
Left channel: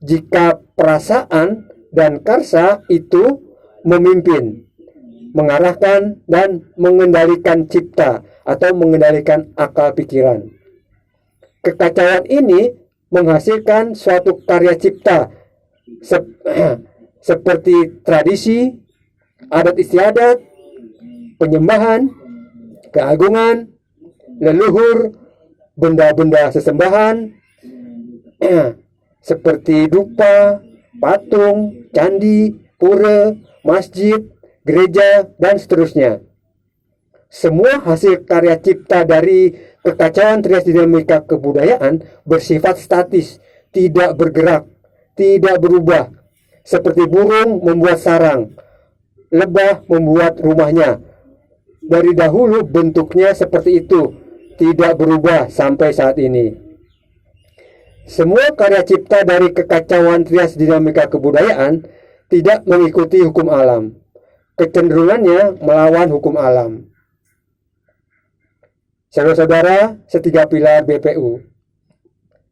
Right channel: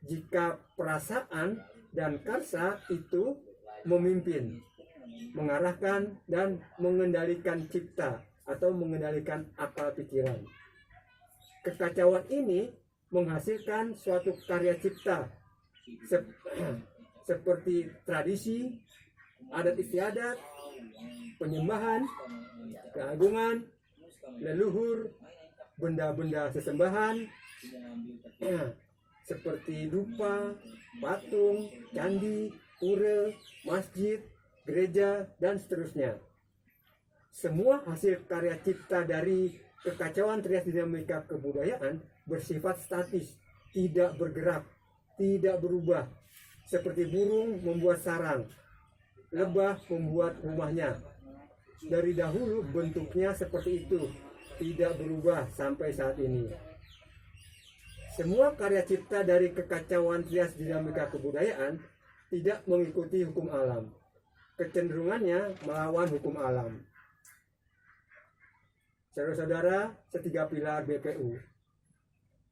jika perasaan dan karsa itu memimpin, mengarahkan, dan mengendalikan cipta atau mengendalikan akal pikiran. Kekacauan ini menghasilkan suatu karya cipta seperti tradisi, adat istiadat, penyembahan, keagungan, leluhur, benda-benda sesembahan seperti dupa, patung, candi, pura, masjid, gereja, dan seterusnya. Semua hasil karya cipta dari kekacauan trias dinamika kebudayaan bersifat statis, tidak bergerak, tidak berubah. Seperti burung membuat sarang, lebah membuat rumahnya. Dari dahulu bentuknya seperti itu, tidak berubah sampai saat ini. Semua karya cipta dari kekacauan trias dinamika kebudayaan tidak mengikuti hukum alam. Kecenderungannya melawan hukum alam. Saudara-saudara setiga pilar BPU,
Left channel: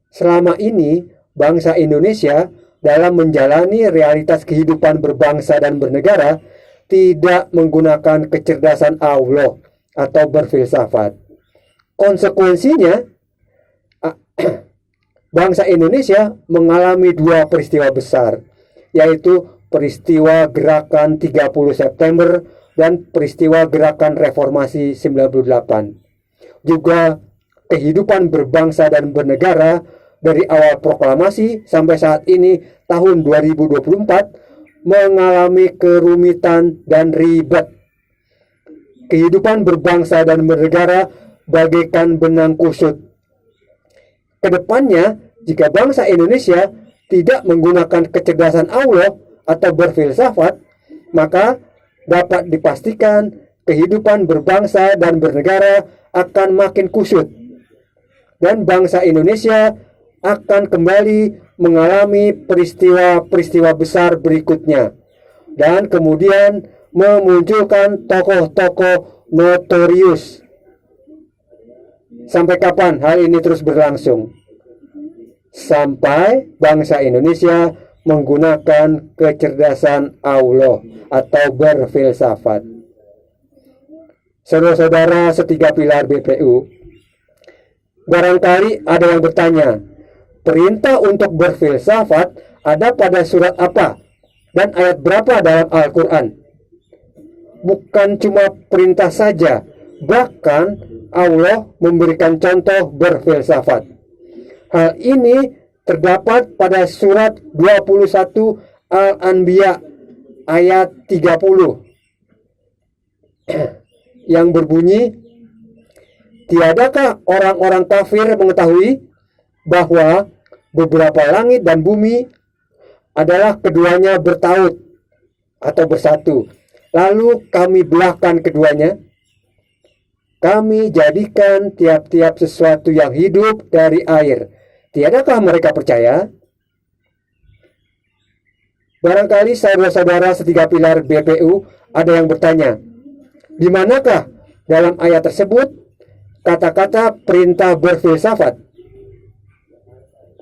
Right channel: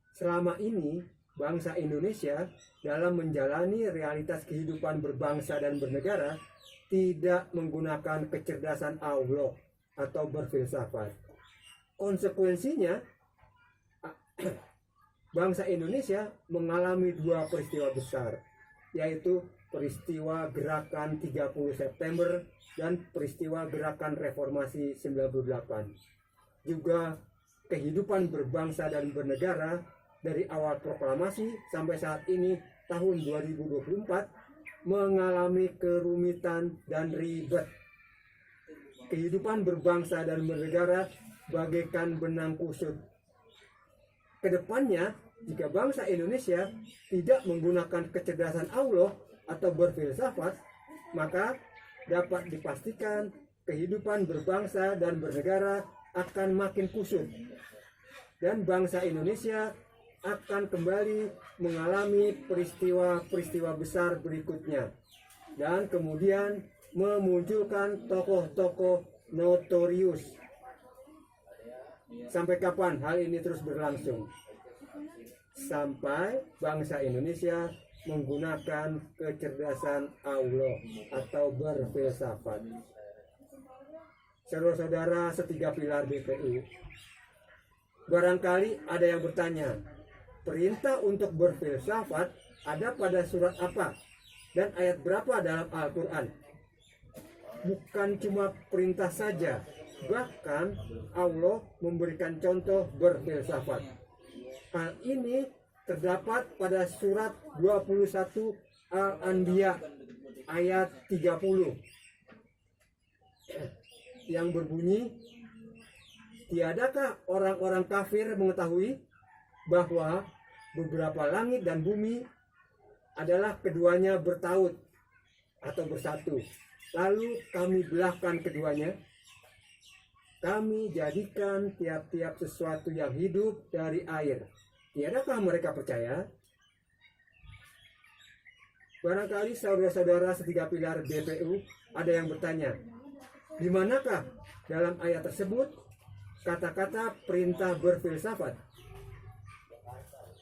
selama ini bangsa Indonesia dalam menjalani realitas kehidupan berbangsa dan bernegara tidak menggunakan kecerdasan Allah atau berfilsafat. Konsekuensinya, bangsa Indonesia mengalami 2 peristiwa besar, yaitu peristiwa gerakan 30 September dan peristiwa gerakan reformasi 98. Juga kehidupan berbangsa dan bernegara dari awal proklamasi sampai saat ini tahun 2024 mengalami kerumitan dan ribet. Kehidupan berbangsa dan bernegara bagaikan benang kusut. Kedepannya, jika bangsa Indonesia tidak menggunakan kecerdasan Allah atau berfilsafat, maka dapat dipastikan kehidupan berbangsa dan bernegara akan makin kusut. Dan bangsa Indonesia akan kembali mengalami peristiwa-peristiwa besar berikutnya. Dan kemudian memunculkan tokoh-tokoh notorius. Sampai kapan hal ini terus berlangsung? Sampai bangsa Indonesia menggunakan kecerdasan Allah atau berfilsafat. Saudara-saudara setiga pilar BPU, barangkali ada yang bertanya, perintah untuk berfilsafat ada pada surat apa dan ayat berapa dalam Al-Quran? Bukan cuma perintah saja, bahkan Allah memberikan contoh berfilsafat. Hal ini terdapat pada surat 21 Al-Anbiya ayat 30 yang berbunyi, tiadakah orang-orang kafir mengetahui bahwa beberapa langit dan bumi adalah keduanya bertaut atau bersatu, lalu kami belahkan keduanya, kami jadikan tiap-tiap sesuatu yang hidup dari air. Tiadakah mereka percaya? Barangkali saudara-saudara setiga pilar BPU ada yang bertanya, di manakah dalam ayat tersebut kata-kata perintah berfilsafat?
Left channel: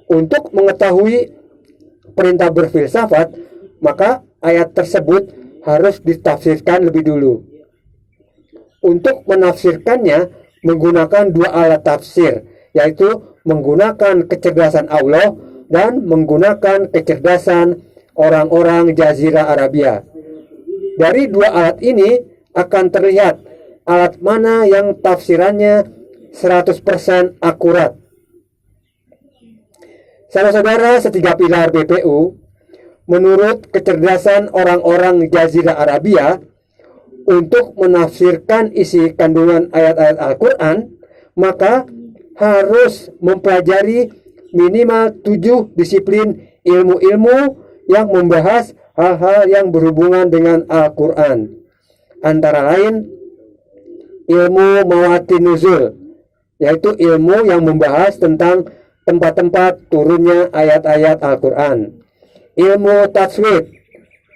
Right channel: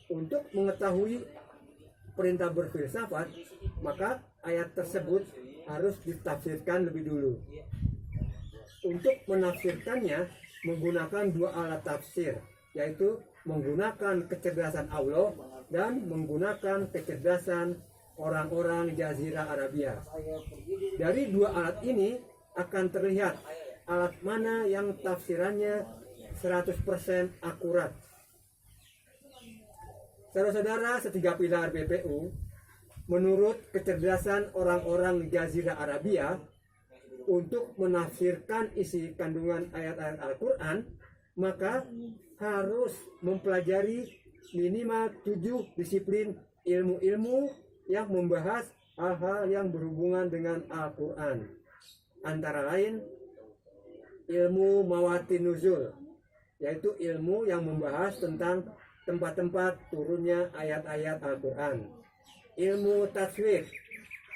Untuk mengetahui perintah berfilsafat, maka ayat tersebut harus ditafsirkan lebih dulu. Untuk menafsirkannya menggunakan dua alat tafsir, yaitu menggunakan kecerdasan Allah dan menggunakan kecerdasan orang-orang Jazirah Arabia. Dari dua alat ini akan terlihat alat mana yang tafsirannya 100% akurat. Saudara-saudara setiga pilar BPU, menurut kecerdasan orang-orang Jazirah Arabia, untuk menafsirkan isi kandungan ayat-ayat Al-Quran, maka harus mempelajari minimal 7 disiplin ilmu-ilmu yang membahas hal-hal yang berhubungan dengan Al-Quran. Antara lain, ilmu Mawatin Nuzul, yaitu ilmu yang membahas tentang tempat-tempat turunnya ayat-ayat Al-Quran. Ilmu Tajwid,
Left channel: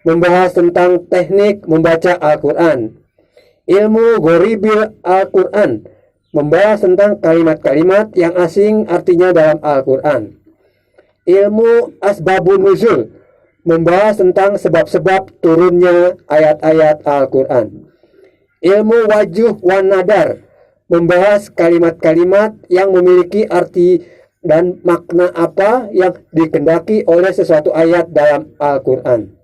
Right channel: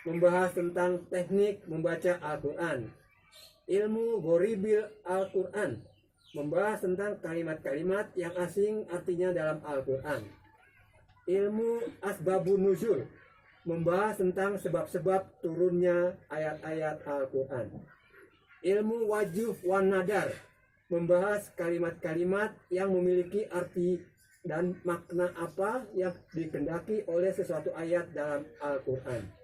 membahas tentang teknik membaca Al-Quran. Ilmu Ghoribil Al-Quran, membahas tentang kalimat-kalimat yang asing artinya dalam Al-Quran. Ilmu Asbabun Nuzul, membahas tentang sebab-sebab turunnya ayat-ayat Al-Quran. Ilmu Wajuh wan Nadar, membahas kalimat-kalimat yang memiliki arti dan makna apa yang dikehendaki oleh sesuatu ayat dalam Al-Quran.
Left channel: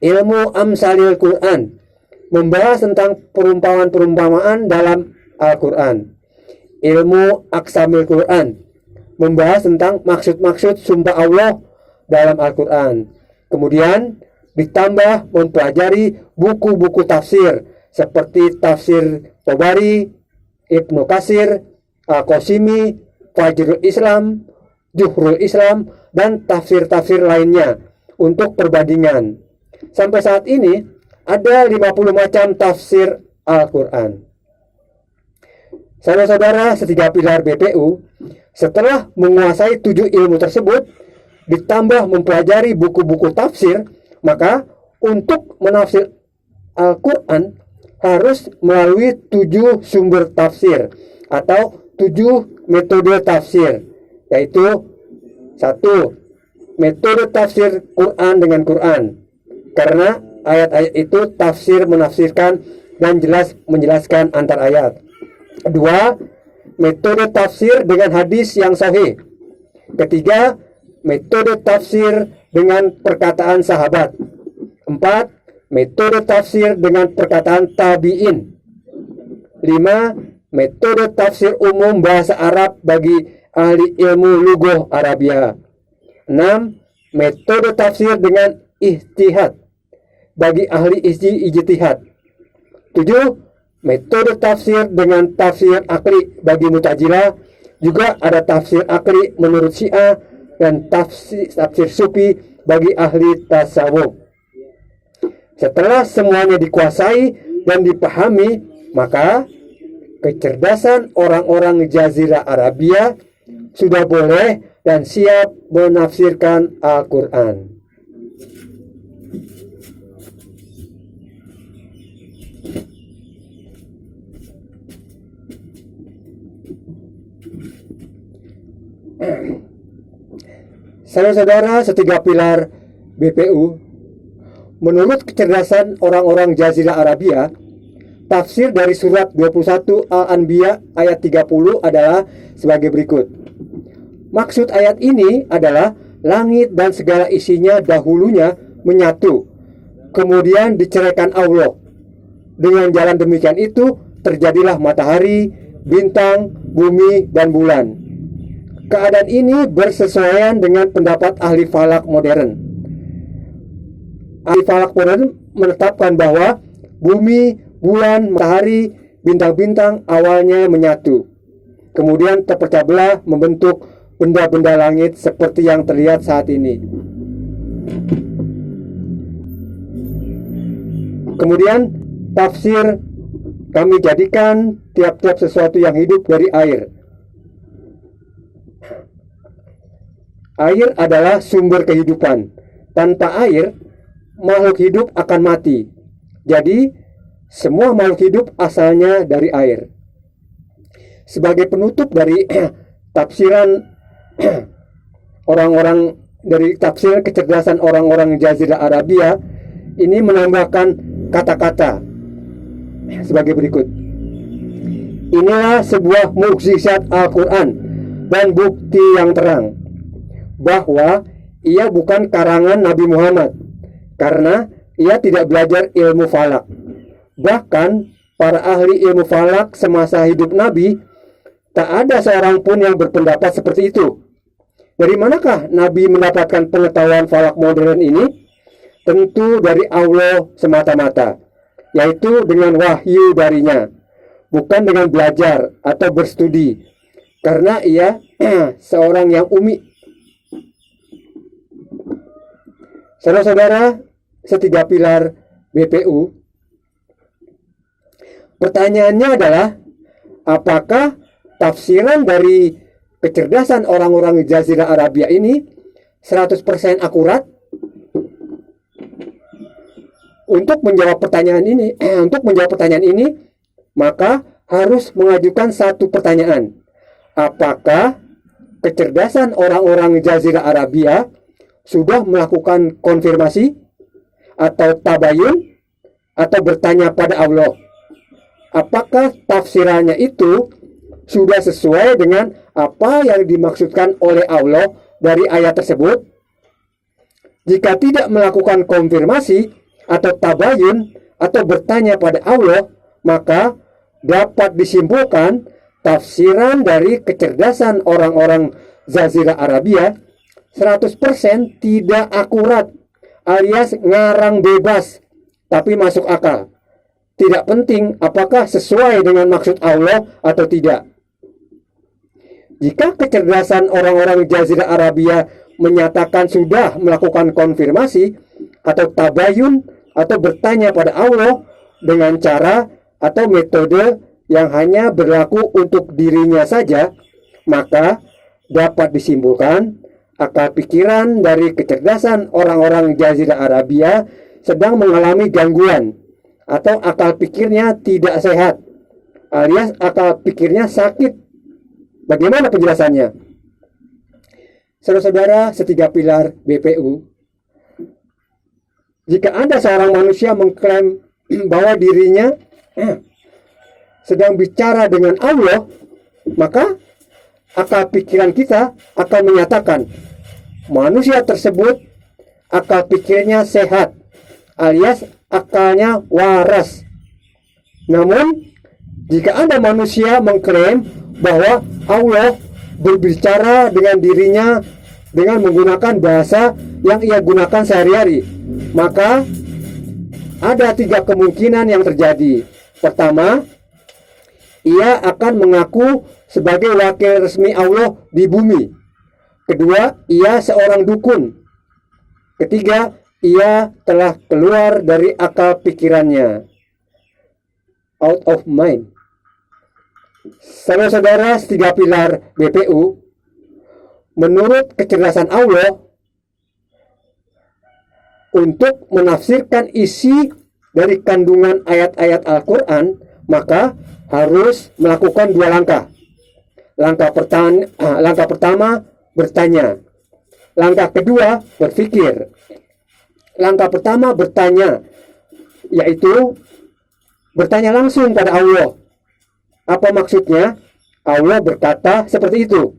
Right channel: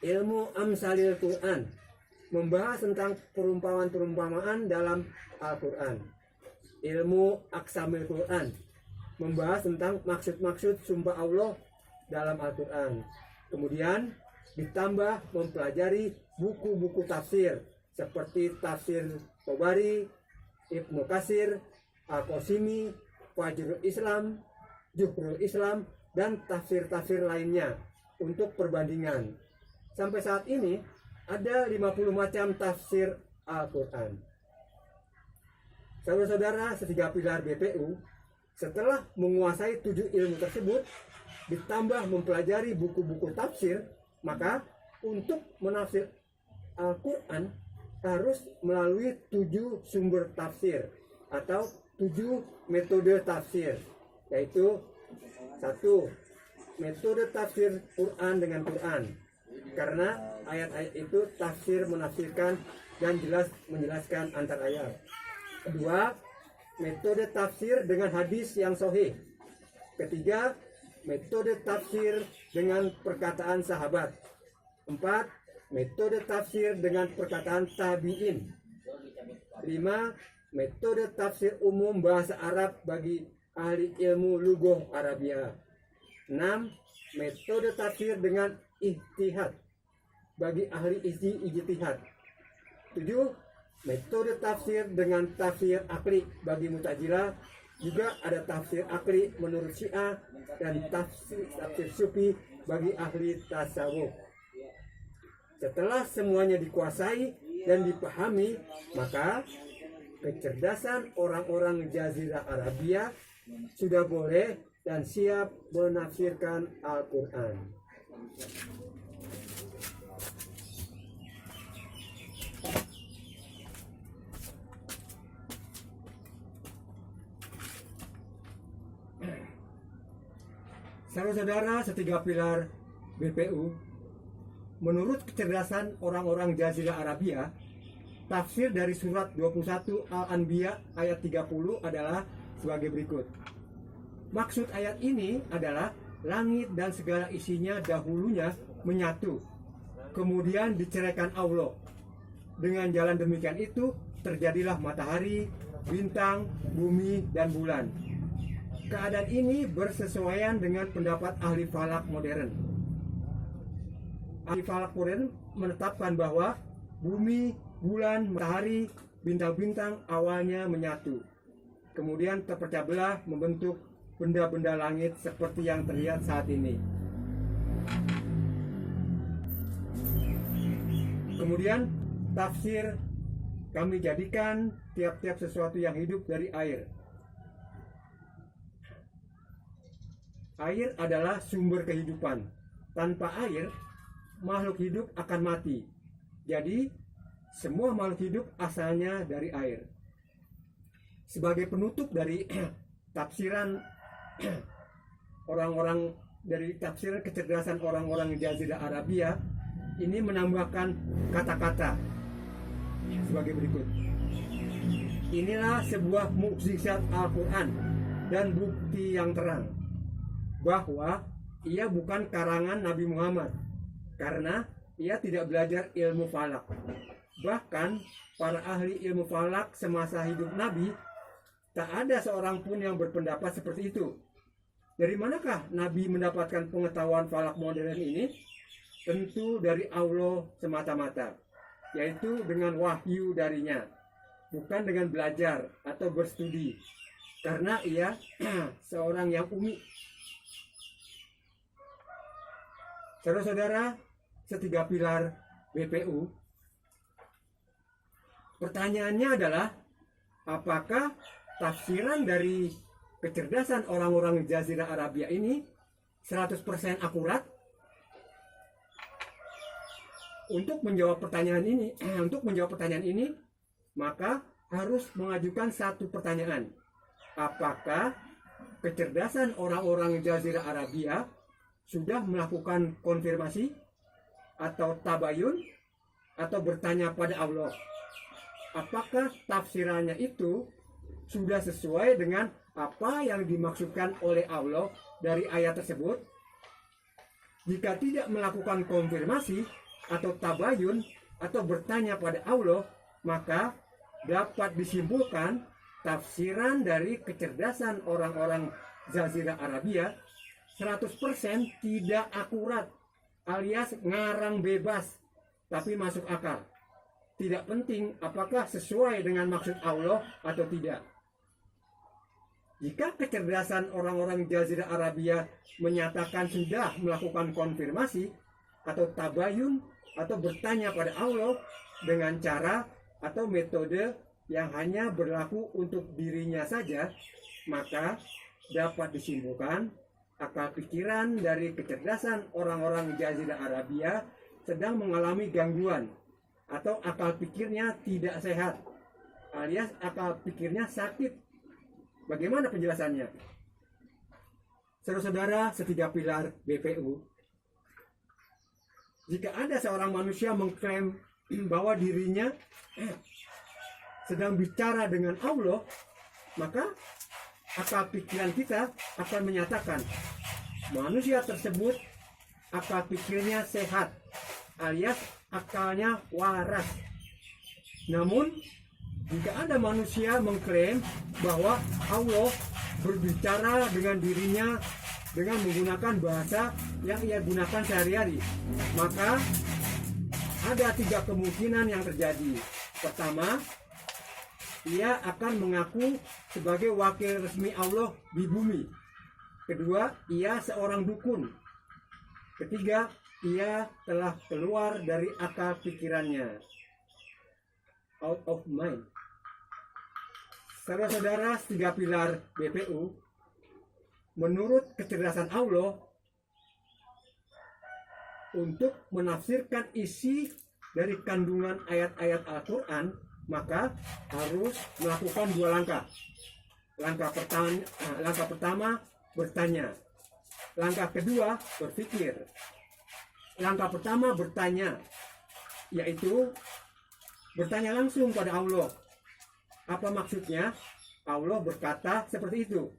Ilmu Amsalil Quran, membahas tentang perumpamaan-perumpamaan dalam Al-Quran. Ilmu Aksamil Quran, membahas tentang maksud-maksud sumpah Allah dalam Al-Quran. Kemudian ditambah mempelajari buku-buku tafsir seperti tafsir Tabari, Ibnu Katsir, Al-Qasimi, Fajrul Islam, Juhrul Islam, dan tafsir-tafsir lainnya untuk perbandingan. Sampai saat ini ada 50 macam tafsir Al-Quran. Saudara-saudara setiga pilar BPU, setelah menguasai 7 ilmu tersebut, ditambah mempelajari buku-buku tafsir, maka untuk menafsir Al-Quran harus melalui 7 sumber tafsir atau 7 metode tafsir, yaitu 1. Metode tafsir Quran dengan Quran, karena ayat-ayat itu tafsir menafsirkan dan jelas menjelaskan antar ayat. 2. Metode tafsir dengan hadis yang sahih. 3. Metode tafsir dengan perkataan sahabat. 4. Metode tafsir dengan perkataan tabi'in. 5. Metode tafsir umum bahasa Arab bagi ahli ilmu lughah Arabia. 6. Metode tafsir dengan ijtihad bagi ahli ijtihad. 7. Metode tafsir dengan tafsir akli bagi Mu'tazilah. Juga ada tafsir akli menurut Syiah dan tafsir sufi bagi ahli tasawuf. Setelah semuanya dikuasai dan dipahami, maka kecerdasan orang-orang Jazirah Arabia sudah boleh dan siap menafsirkan Al-Quran. Saudara-saudara setiga pilar BPU, menurut kecerdasan orang-orang Jazirah Arabia, tafsir dari surat 21 Al-Anbiya ayat 30 adalah sebagai berikut. Maksud ayat ini adalah langit dan segala isinya dahulunya menyatu, kemudian diceraikan Allah. Dengan jalan demikian itu terjadilah matahari, bintang, bumi, dan bulan. Keadaan ini bersesuaian dengan pendapat ahli falak modern. Ahli falak modern menetapkan bahwa bumi, bulan, matahari, bintang-bintang awalnya menyatu, kemudian terpecah belah membentuk benda-benda langit seperti yang terlihat saat ini. Kemudian tafsir kami jadikan tiap-tiap sesuatu yang hidup dari air. Air adalah sumber kehidupan. Tanpa air, makhluk hidup akan mati. Jadi, semua makhluk hidup asalnya dari air. Sebagai penutup dari tafsiran orang-orang, dari tafsir kecerdasan orang-orang Jazirah Arabia, ini menambahkan kata-kata sebagai berikut. Inilah sebuah mukjizat Al-Quran dan bukti yang terang bahwa ia bukan karangan Nabi Muhammad, karena ia tidak belajar ilmu falak. Bahkan para ahli ilmu falak semasa hidup Nabi, tak ada seorang pun yang berpendapat seperti itu. Dari manakah Nabi mendapatkan pengetahuan falak modern ini? Tentu dari Allah semata-mata, yaitu dengan wahyu darinya, bukan dengan belajar atau berstudi, karena ia seorang yang umi. Saudara-saudara setiga pilar BPU, pertanyaannya adalah, apakah tafsiran dari kecerdasan orang-orang Jazirah Arabia ini 100% akurat? Untuk menjawab pertanyaan ini, maka harus mengajukan satu pertanyaan. Apakah kecerdasan orang-orang Jazirah Arabia sudah melakukan konfirmasi atau tabayun atau bertanya pada Allah? Apakah tafsirannya itu sudah sesuai dengan apa yang dimaksudkan oleh Allah dari ayat tersebut? Jika tidak melakukan konfirmasi atau tabayun atau bertanya pada Allah, maka dapat disimpulkan tafsiran dari kecerdasan orang-orang Jazirah Arabia 100% tidak akurat, alias ngarang bebas, tapi masuk akal. Tidak penting apakah sesuai dengan maksud Allah atau tidak. Jika kecerdasan orang-orang Jazirah Arabia menyatakan sudah melakukan konfirmasi atau tabayun atau bertanya pada Allah dengan cara atau metode yang hanya berlaku untuk dirinya saja, maka dapat disimpulkan akal pikiran dari kecerdasan orang-orang Jazirah Arabia sedang mengalami gangguan atau akal pikirnya tidak sehat, alias akal pikirnya sakit. Bagaimana penjelasannya? Saudara-saudara setiga pilar BPU, jika ada seorang manusia mengklaim bahwa dirinya sedang bicara dengan Allah, maka akal pikiran kita akan menyatakan manusia tersebut akal pikirnya sehat, alias akalnya waras. Namun, jika ada manusia mengklaim bahwa Allah berbicara dengan dirinya dengan menggunakan bahasa yang ia gunakan sehari-hari, maka ada tiga kemungkinan yang terjadi. Pertama, ia akan mengaku sebagai wakil resmi Allah di bumi. Kedua, ia seorang dukun. Ketiga, ia telah keluar dari akal pikirannya, out of mind. Saudara-saudara tiga pilar BPU, menurut kecerdasan Allah, untuk menafsirkan isi dari kandungan ayat-ayat Al-Quran, maka harus melakukan dua langkah. Langkah pertama bertanya. Langkah kedua, berpikir. Langkah pertama, bertanya, yaitu bertanya langsung pada Allah. Apa maksudnya? Allah berkata seperti itu.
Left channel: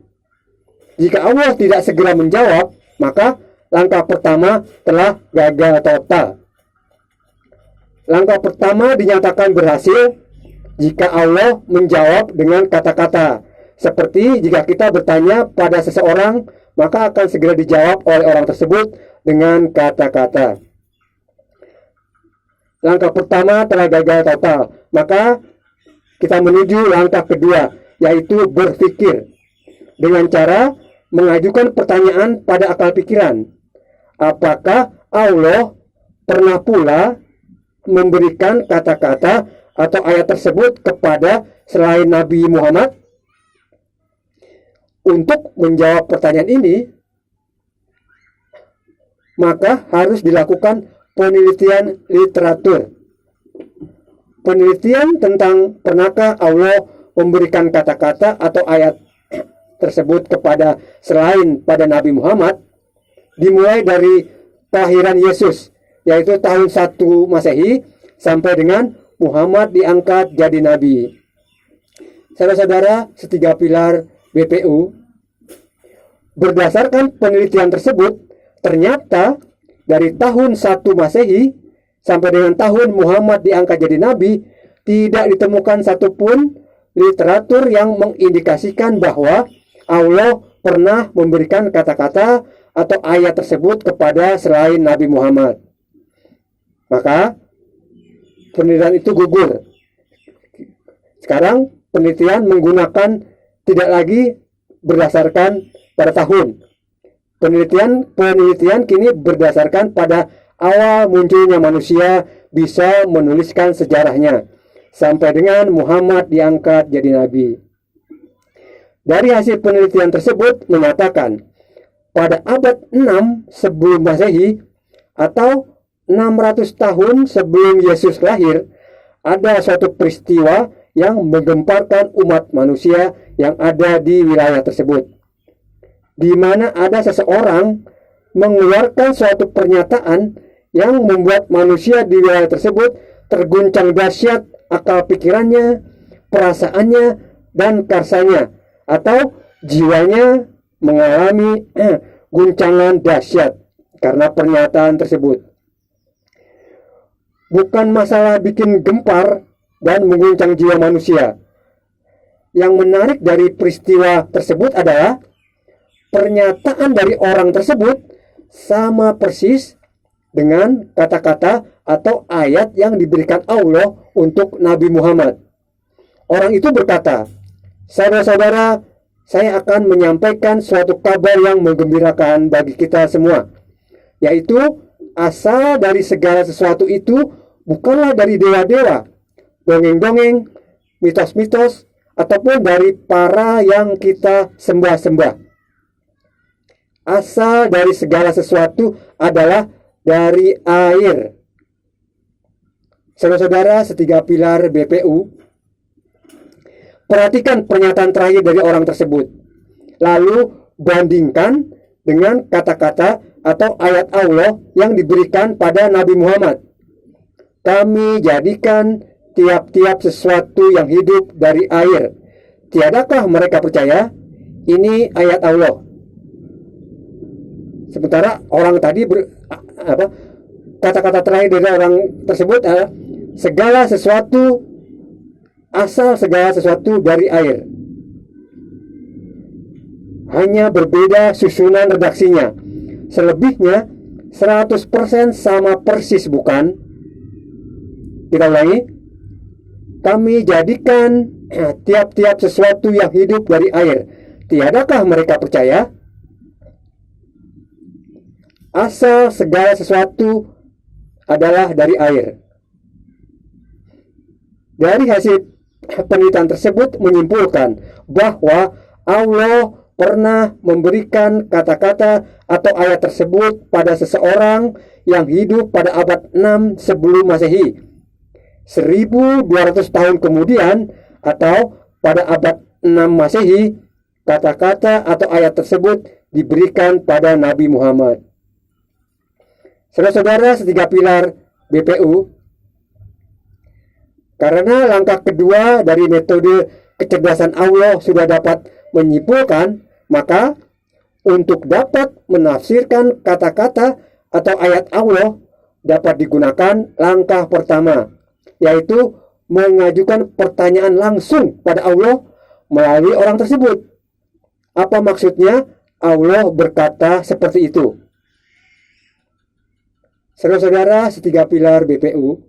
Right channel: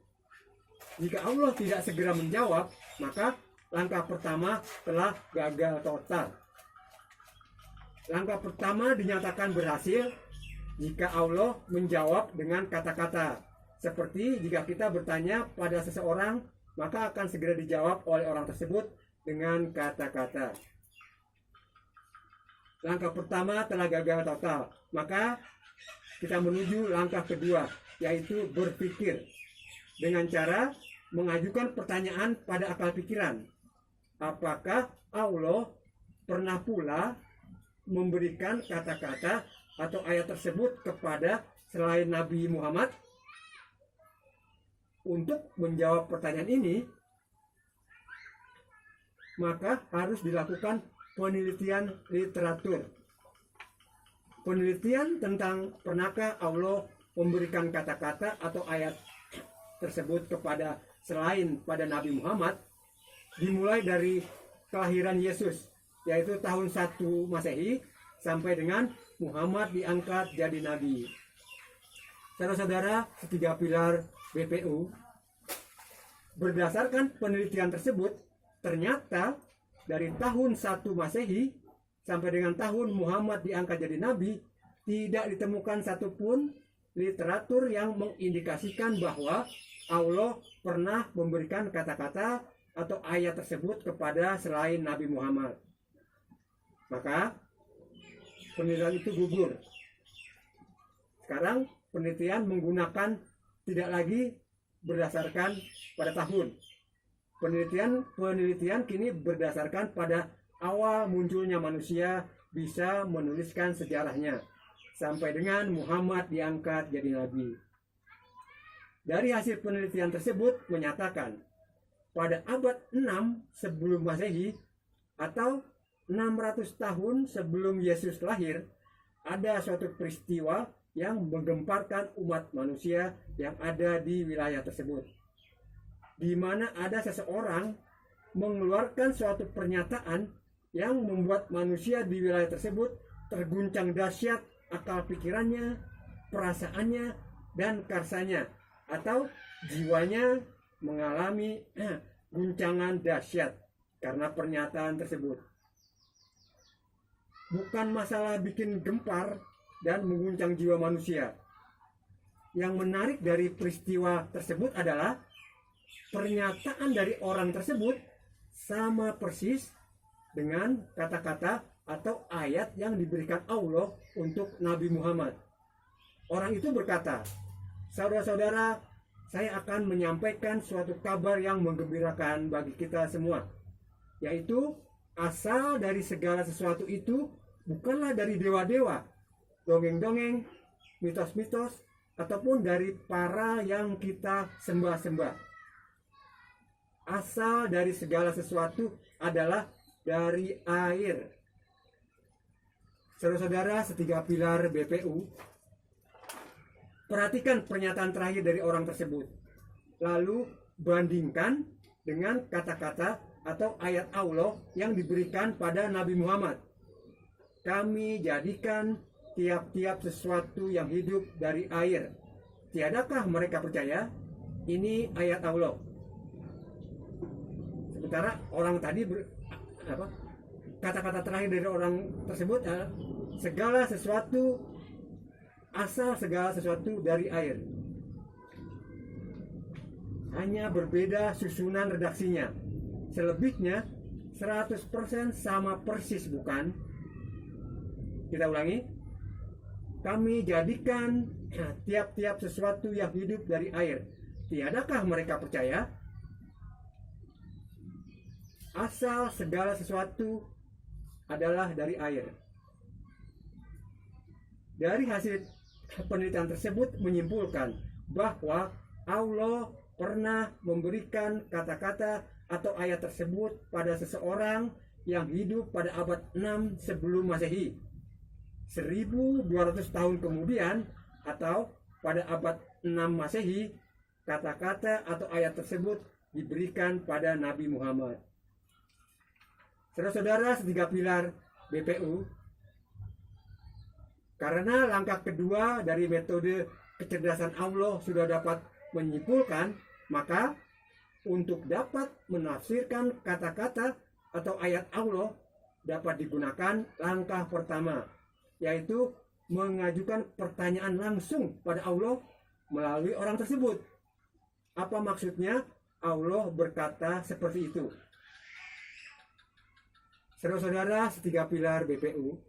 Jika Allah tidak segera menjawab, maka langkah pertama telah gagal total. Langkah pertama dinyatakan berhasil jika Allah menjawab dengan kata-kata. Seperti jika kita bertanya pada seseorang, maka akan segera dijawab oleh orang tersebut dengan kata-kata. Langkah pertama telah gagal total. Maka kita menuju langkah kedua, yaitu berpikir. Dengan cara mengajukan pertanyaan pada akal pikiran. Apakah Allah pernah pula memberikan kata-kata atau ayat tersebut kepada selain Nabi Muhammad? Untuk menjawab pertanyaan ini, maka harus dilakukan penelitian literatur. Penelitian tentang pernahkah Allah memberikan kata-kata atau ayat tersebut kepada selain pada Nabi Muhammad, dimulai dari kelahiran Yesus, yaitu tahun 1 Masehi, sampai dengan Muhammad diangkat jadi Nabi. Saudara-saudara setiga pilar BPU, berdasarkan penelitian tersebut, ternyata dari tahun 1 Masehi sampai dengan tahun Muhammad diangkat jadi Nabi, tidak ditemukan satupun literatur yang mengindikasikan bahwa Allah pernah memberikan kata-kata atau ayat tersebut kepada selain Nabi Muhammad. Maka penelitian itu gugur. Sekarang penelitian menggunakan tidak lagi berdasarkan pada tahun. Penelitian kini berdasarkan pada awal munculnya manusia bisa menuliskan sejarahnya sampai dengan Muhammad diangkat jadi Nabi. Dari hasil penelitian tersebut menyatakan pada abad 6 sebelum Masehi atau 600 tahun sebelum Yesus lahir, ada suatu peristiwa yang menggemparkan umat manusia yang ada di wilayah tersebut, di mana ada seseorang mengeluarkan suatu pernyataan yang membuat manusia di wilayah tersebut terguncang dahsyat akal pikirannya, perasaannya, dan karsanya, atau jiwanya mengalami guncangan dahsyat karena pernyataan tersebut. Bukan masalah bikin gempar dan mengguncang jiwa manusia. Yang menarik dari peristiwa tersebut adalah pernyataan dari orang tersebut sama persis dengan kata-kata atau ayat yang diberikan Allah untuk Nabi Muhammad. Orang itu berkata, "Saudara-saudara, saya akan menyampaikan suatu kabar yang menggembirakan bagi kita semua, yaitu asal dari segala sesuatu itu bukanlah dari dewa-dewa, dongeng-dongeng, mitos-mitos, ataupun dari para yang kita sembah-sembah. Asal dari segala sesuatu adalah dari air." Saudara-saudara setiga pilar BPU, perhatikan pernyataan terakhir dari orang tersebut, lalu bandingkan dengan kata-kata atau ayat Allah yang diberikan pada Nabi Muhammad. "Kami jadikan tiap-tiap sesuatu yang hidup dari air. Tiadakah mereka percaya?" Ini ayat Allah. Sementara orang tadi kata-kata terakhir dari orang tersebut adalah segala sesuatu, asal segala sesuatu dari air. Hanya berbeda susunan redaksinya. Selebihnya 100% sama persis, bukan? Kita ulangi. "Kami jadikan tiap-tiap sesuatu yang hidup dari air. Tiadakah mereka percaya?" Asal segala sesuatu adalah dari air. Dari hasil penelitian tersebut menyimpulkan bahwa Allah pernah memberikan kata-kata atau ayat tersebut pada seseorang yang hidup pada abad 6 sebelum Masehi. 1200 tahun kemudian atau pada abad 6 Masehi, kata-kata atau ayat tersebut diberikan pada Nabi Muhammad. Saudara-saudara setiga pilar BPU, karena langkah kedua dari metode kecerdasan Allah sudah dapat menyimpulkan, maka untuk dapat menafsirkan kata-kata atau ayat Allah dapat digunakan langkah pertama, yaitu mengajukan pertanyaan langsung pada Allah melalui orang tersebut. Apa maksudnya Allah berkata seperti itu? Saudara-saudara setiga pilar BPU,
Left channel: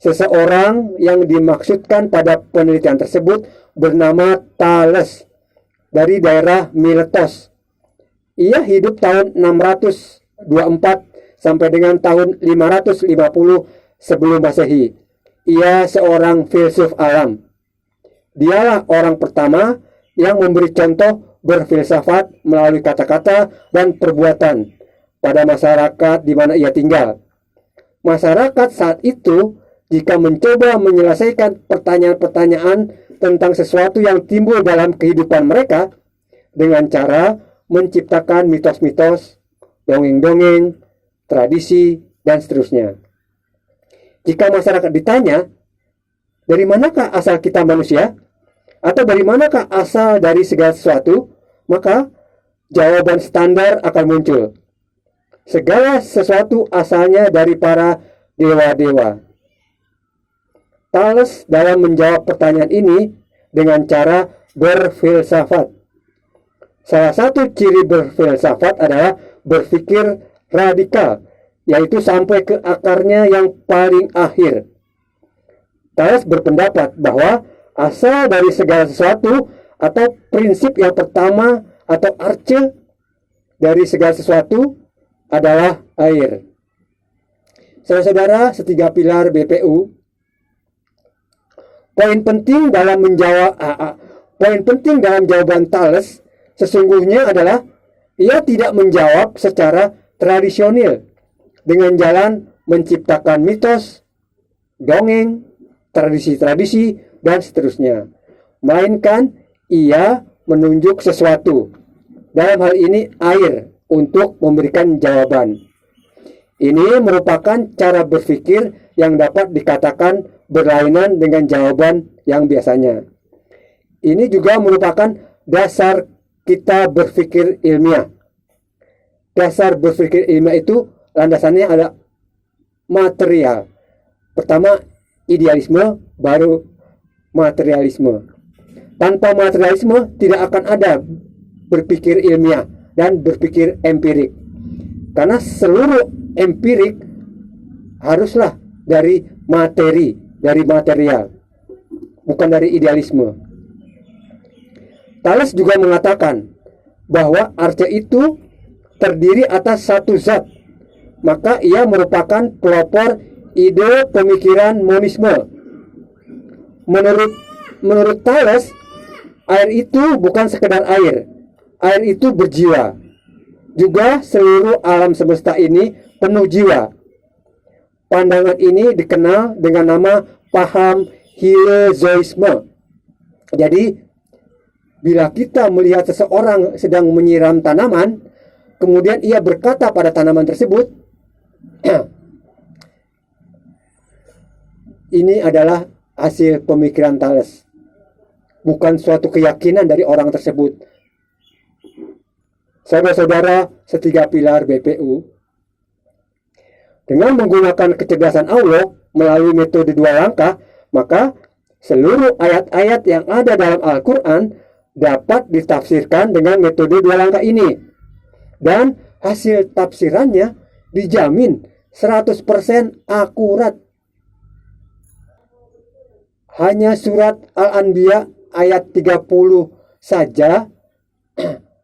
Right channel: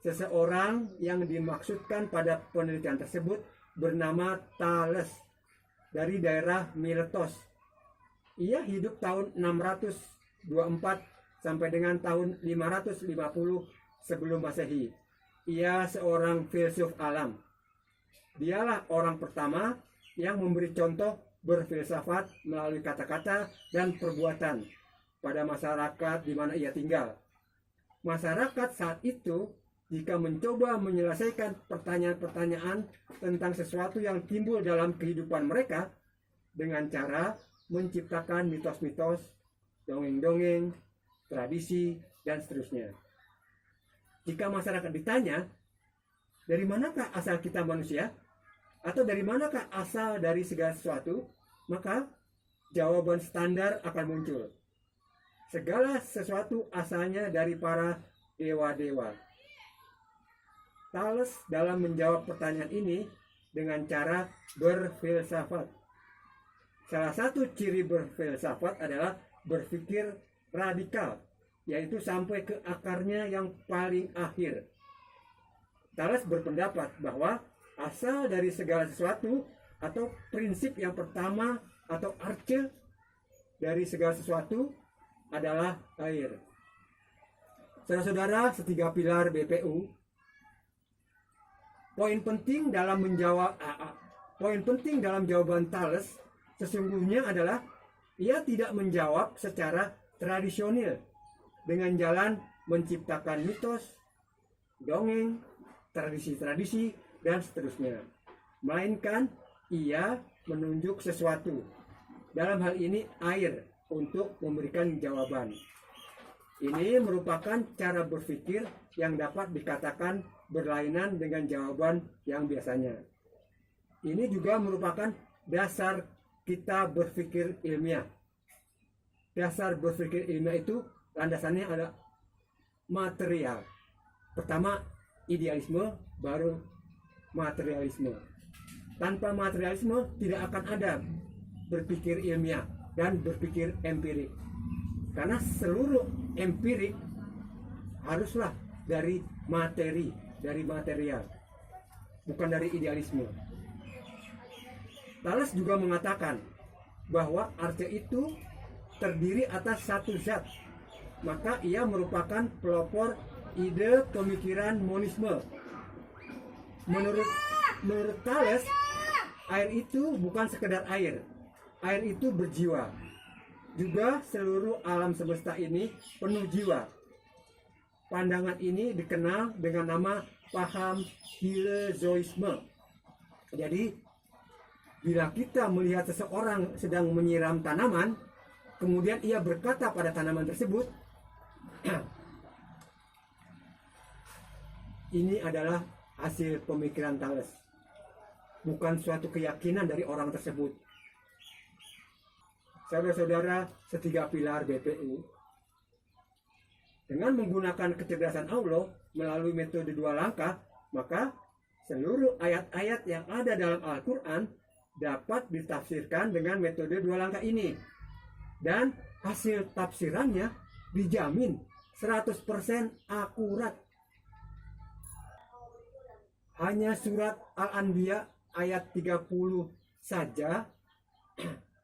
seseorang yang dimaksudkan pada penelitian tersebut bernama Thales dari daerah Miletos. Ia hidup tahun 624 sampai dengan tahun 550 sebelum Masehi. Ia seorang filsuf alam. Dialah orang pertama yang memberi contoh berfilsafat melalui kata-kata dan perbuatan pada masyarakat di mana ia tinggal. Masyarakat saat itu jika mencoba menyelesaikan pertanyaan-pertanyaan tentang sesuatu yang timbul dalam kehidupan mereka dengan cara menciptakan mitos-mitos, dongeng-dongeng, tradisi, dan seterusnya. Jika masyarakat ditanya, dari manakah asal kita manusia? Atau dari manakah asal dari segala sesuatu? Maka jawaban standar akan muncul. Segala sesuatu asalnya dari para dewa-dewa. Thales dalam menjawab pertanyaan ini dengan cara berfilsafat. Salah satu ciri berfilsafat adalah berpikir radikal, yaitu sampai ke akarnya yang paling akhir. Thales berpendapat bahwa asal dari segala sesuatu atau prinsip yang pertama atau arche dari segala sesuatu adalah air. Saudara-saudara setiga pilar BPU, poin penting dalam jawaban Thales sesungguhnya adalah ia tidak menjawab secara tradisional dengan jalan menciptakan mitos, dongeng, tradisi-tradisi, dan seterusnya. Melainkan ia menunjuk sesuatu, dalam hal ini air, untuk memberikan jawaban. Ini merupakan cara berpikir yang dapat dikatakan berlainan dengan jawaban yang biasanya. Ini juga merupakan dasar kita berpikir ilmiah. Dasar berpikir ilmiah itu landasannya adalah material. Pertama idealisme, baru materialisme. Tanpa materialisme tidak akan ada berpikir ilmiah dan berpikir empirik. Karena seluruh empirik haruslah dari materi, dari material, bukan dari idealisme. Thales juga mengatakan bahwa arche itu terdiri atas satu zat, maka ia merupakan pelopor ide pemikiran monisme. Menurut Thales, air itu bukan sekedar air. Air itu berjiwa. Juga seluruh alam semesta ini penuh jiwa. Pandangan ini dikenal dengan nama paham hilezoisme. Jadi, bila kita melihat seseorang sedang menyiram tanaman, kemudian ia berkata pada tanaman tersebut, ini adalah hasil pemikiran Thales, bukan suatu keyakinan dari orang tersebut. Saudara-saudara setiga pilar BPU, dengan menggunakan kecerdasan Allah melalui metode dua langkah, maka seluruh ayat-ayat yang ada dalam Al-Quran dapat ditafsirkan dengan metode dua langkah ini. Dan hasil tafsirannya dijamin 100% akurat. Hanya surat Al-Anbiya ayat 30 saja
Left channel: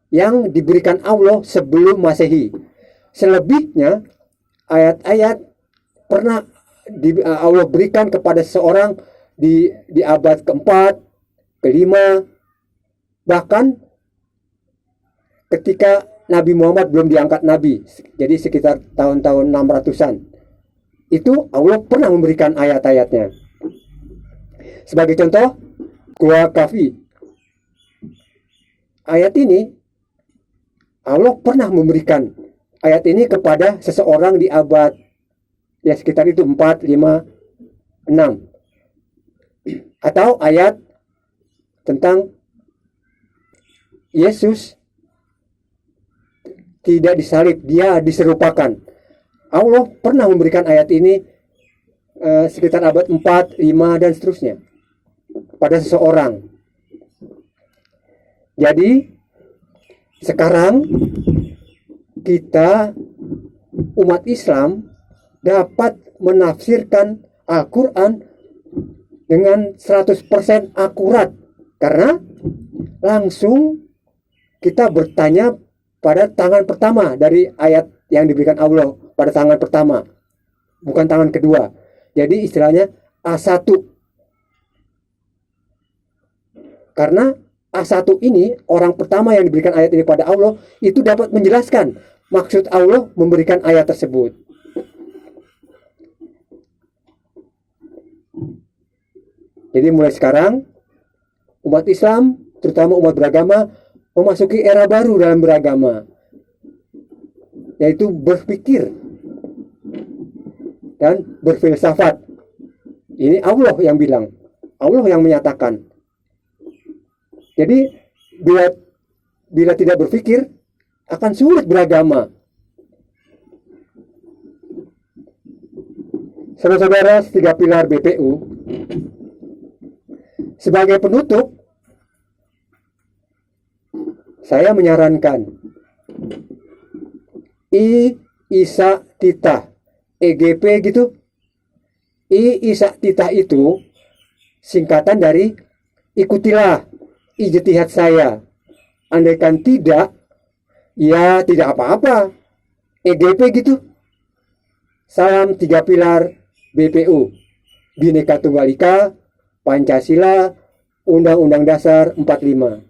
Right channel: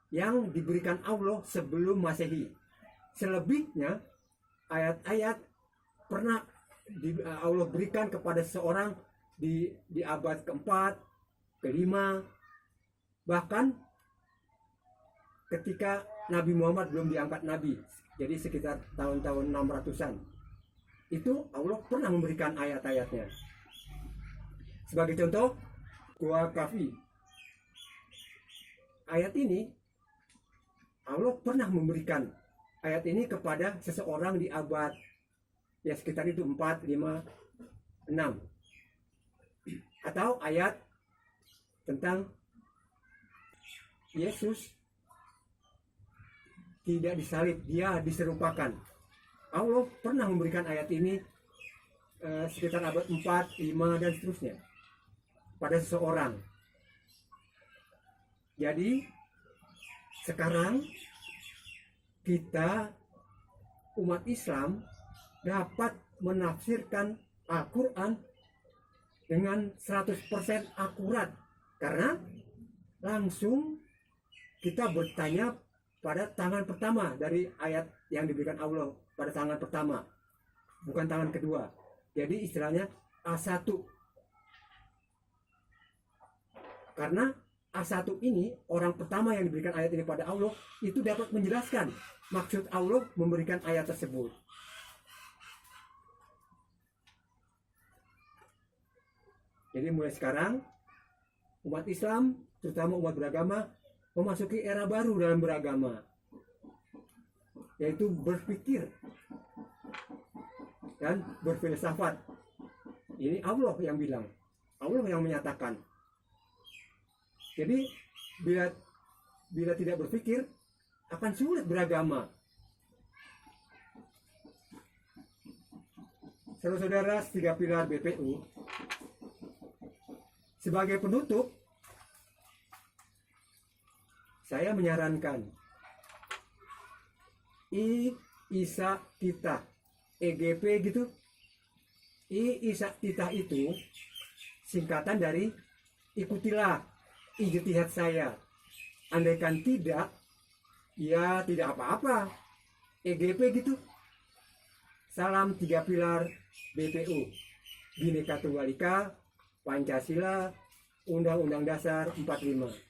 yang diberikan Allah sebelum Masehi. Selebihnya ayat-ayat pernah Allah berikan kepada seorang di abad keempat, kelima, bahkan ketika Nabi Muhammad belum diangkat Nabi, jadi sekitar tahun-tahun 600-an, itu Allah pernah memberikan ayat-ayatnya. Sebagai contoh, Gua Kafi. Ayat ini Allah pernah memberikan ayat ini kepada seseorang di abad ya sekitar itu 4, 5, 6. Atau ayat tentang Yesus tidak disalib, dia diserupakan. Allah pernah memberikan ayat ini sekitar abad 4, 5 dan seterusnya pada seseorang. Jadi sekarang kita umat Islam dapat menafsirkan Al-Quran dengan 100% akurat karena langsung kita bertanya pada tangan pertama dari ayat yang diberikan Allah, pada tangan pertama, bukan tangan kedua. Jadi istilahnya A1. Karena A1 ini, orang pertama yang diberikan ayat ini pada Allah, itu dapat menjelaskan maksud Allah memberikan ayat tersebut. Jadi mulai sekarang, umat Islam, terutama umat beragama, memasuki era baru dalam beragama, yaitu berpikir dan berfilsafat. Ini Allah yang bilang, Allah yang menyatakan. Jadi bila tidak berpikir akan sulit beragama. Saudara-saudara, 3 pilar BPU. Sebagai penutup, saya menyarankan Isa Tita, EGP gitu. Isa Tita itu singkatan dari ikutilah ijtihad saya. Andaikan tidak, ya tidak apa-apa. EGP gitu. Salam 3 pilar BPU. Bhinneka Tunggal Ika, Pancasila, Undang-Undang Dasar 45.